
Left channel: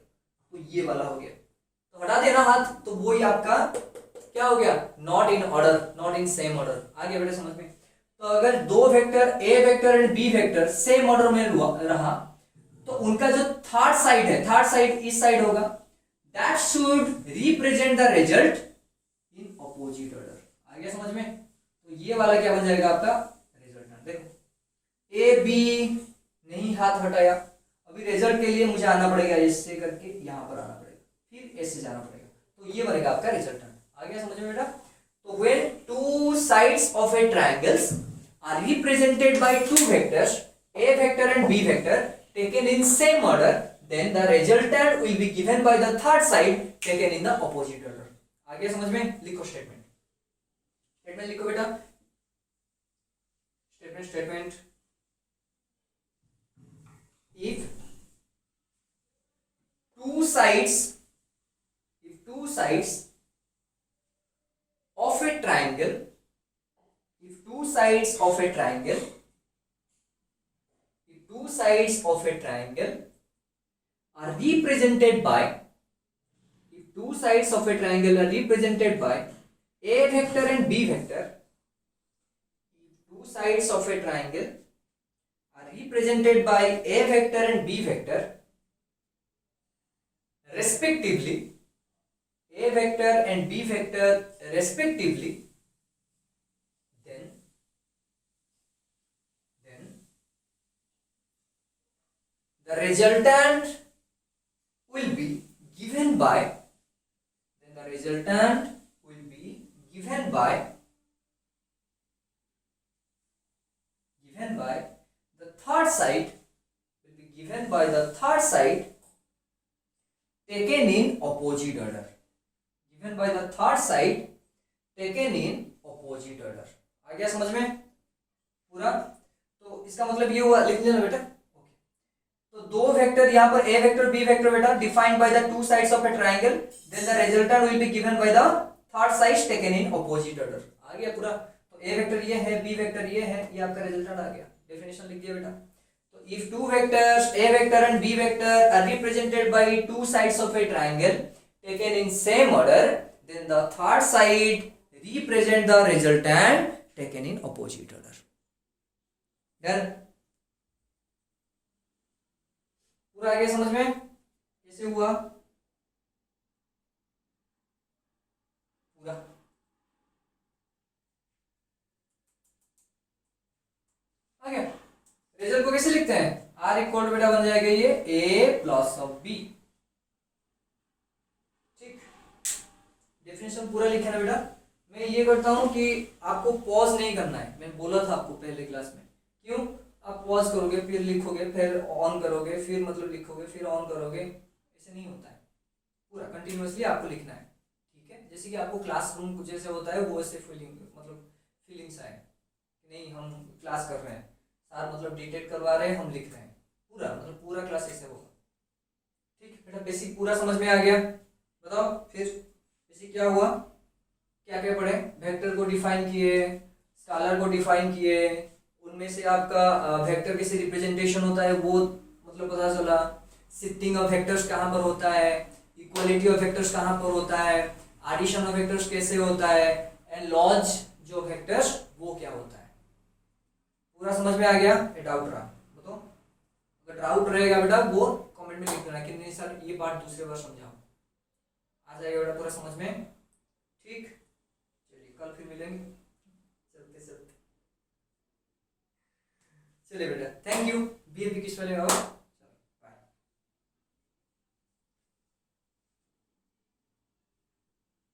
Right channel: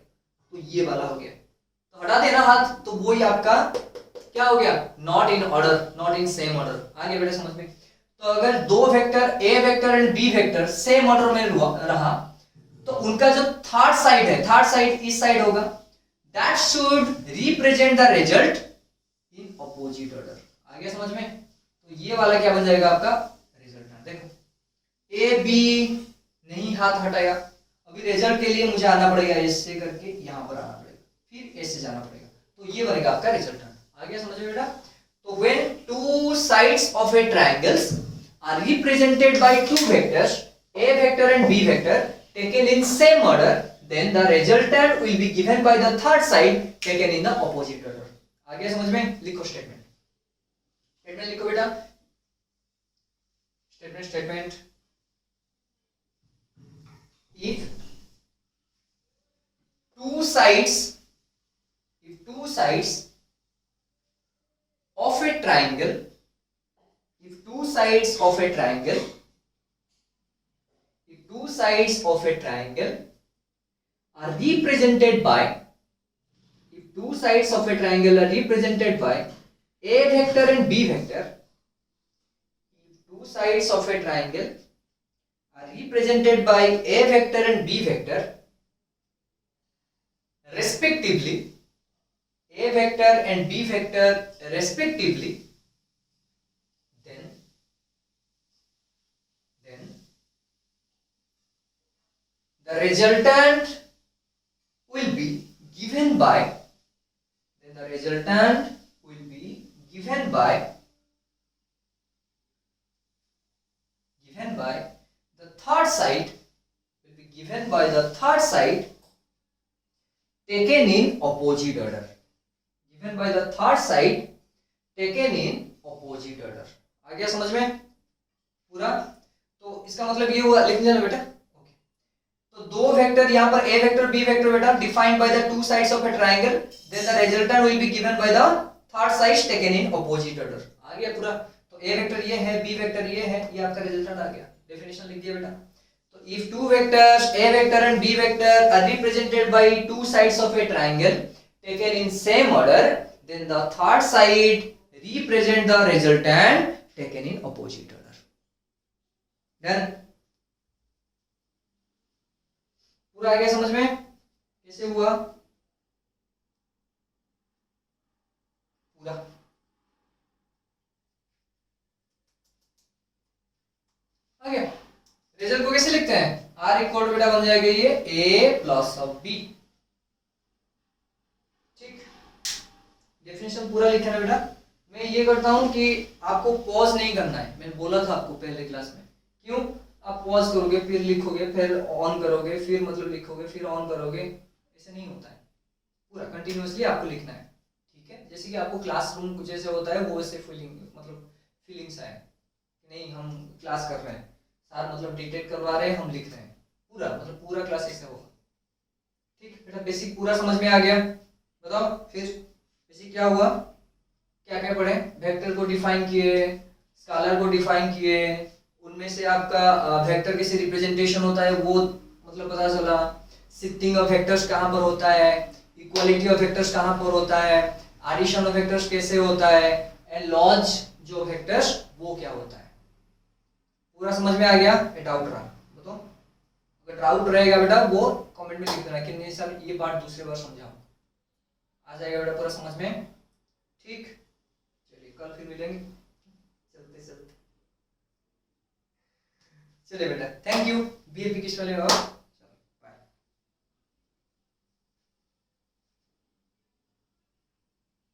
तो ये वाला हो गया, तो हटा देना हाथ, तो वो ही आपका क्या हो गया, not in order, not in same order. आगे बेटा समझ में, तो अगर दो vector A vector and B vector same order में रहा, तो उनका जो थर्ड साइड है, थर्ड साइड इस साइड होगा, that should represent the result in opposite order. आ गया समझ में, तो ये वाला क्या बन जाएगा आपका रिजल्टेंट। देखो ए बी नहीं हाथ हटाया, अभी रिजल्ट के लिए मुझे आना पड़ेगा ऐसे करके, यहां पर आना पड़ेगा, फिर ऐसे जाना पड़ेगा, तो ये बनेगा आपका रिजल्टेंट। आ गया समझ में बेटा, तो when two sides of a triangles are represented by two vectors A vector and B vector taken in same order, then the resultant will be given by the third side taken in the opposite order। आ गया समझ में, लिखो statement, statement लिखो बेटा, statement if two sides of a triangle, if two sides of a triangle are represented by, if two sides of a triangle are represented by a vector and b vector, if two sides of a triangle are represented by a vector and b vector respectively, a vector and b vector respectively, then the resultant will be given by, the third side, taken in opposite order, आ गया समझ में पूरा। तो इसका मतलब ये हुआ, लिख लेना बेटा, तो दो वेक्टर यहाँ पर ए वेक्टर बी वेक्टर बेटा defined by the two sides of a triangle, then the resultant will be given by the third side taken in opposite order. आ गया पूरा, तो ए वेक्टर ये है, बी वेक्टर ये है, ये आपका रिजल्टेंट आ गया, डेफिनेशन लिख दिया बेटा। तो if two vectors A vector and B vector are represented by two sides of a triangle taken in same order, then the third side represent the resultant taken in opposite order. Done, पूरा आ गया समझ में, कैसे हुआ पूरा। आ गया, रिजल्ट को कैसे लिखते हैं, आर इक्वल बेटा बन जाएगा ये ए प्लस ऑफ बी, ठीक, डेफिनेशन पूरा लिखना है बेटा। मैं ये करता हूं कि आपको पॉज नहीं करना है, मैंने बोला था आपको पहले क्लास में, क्यों, आप पॉज करोगे फिर लिखोगे फिर ऑन करोगे फिर मतलब लिखोगे फिर ऑन करोगे, ऐसे नहीं होता है, पूरा कंटिन्यूअसली आपको लिखना है, ठीक है। जैसे कि आपको क्लासरूम जैसे होता है वो ऐसे फीलिंग्स आए कि नहीं हम क्लास कर रहे हैं, सार मतलब डिटेक्ट करवा रहे हैं, हम लिख रहे हैं, पूरा मतलब पूरा क्लास ऐसे होगा, ठीक। बेटा बेसिक पूरा समझ में आ गया? बताओ फिर बेसिक क्या हुआ, क्या क्या पढ़े? वेक्टर को डिफाइन किए, स्केलर को डिफाइन किए, उनमें से आपका वेक्टर कैसे रिप्रेजेंटेशन होता है वो मतलब पता चला, शिफ्टिंग ऑफ वेक्टर्स कहाँ पर होता है, इक्वालिटी ऑफ वेक्टर्स कहाँ पर होता है, एडिशन ऑफ वेक्टर्स कैसे होता है, एंड लॉज जो वेक्टर्स वो क्या होता है। पूरा समझ में आ गया? डाउट रहा बताओ? अगर डाउट रहेगा बेटा वो कमेंट में लिख देना कि नहीं सर ये बात दूसरे बार समझाओ। आ जाएगा बेटा पूरा समझ में, ठीक। चलिए कल फिर मिलेंगे, चलते चलते चलिए बेटा, थैंक यू। बीएपी किस वाले हो?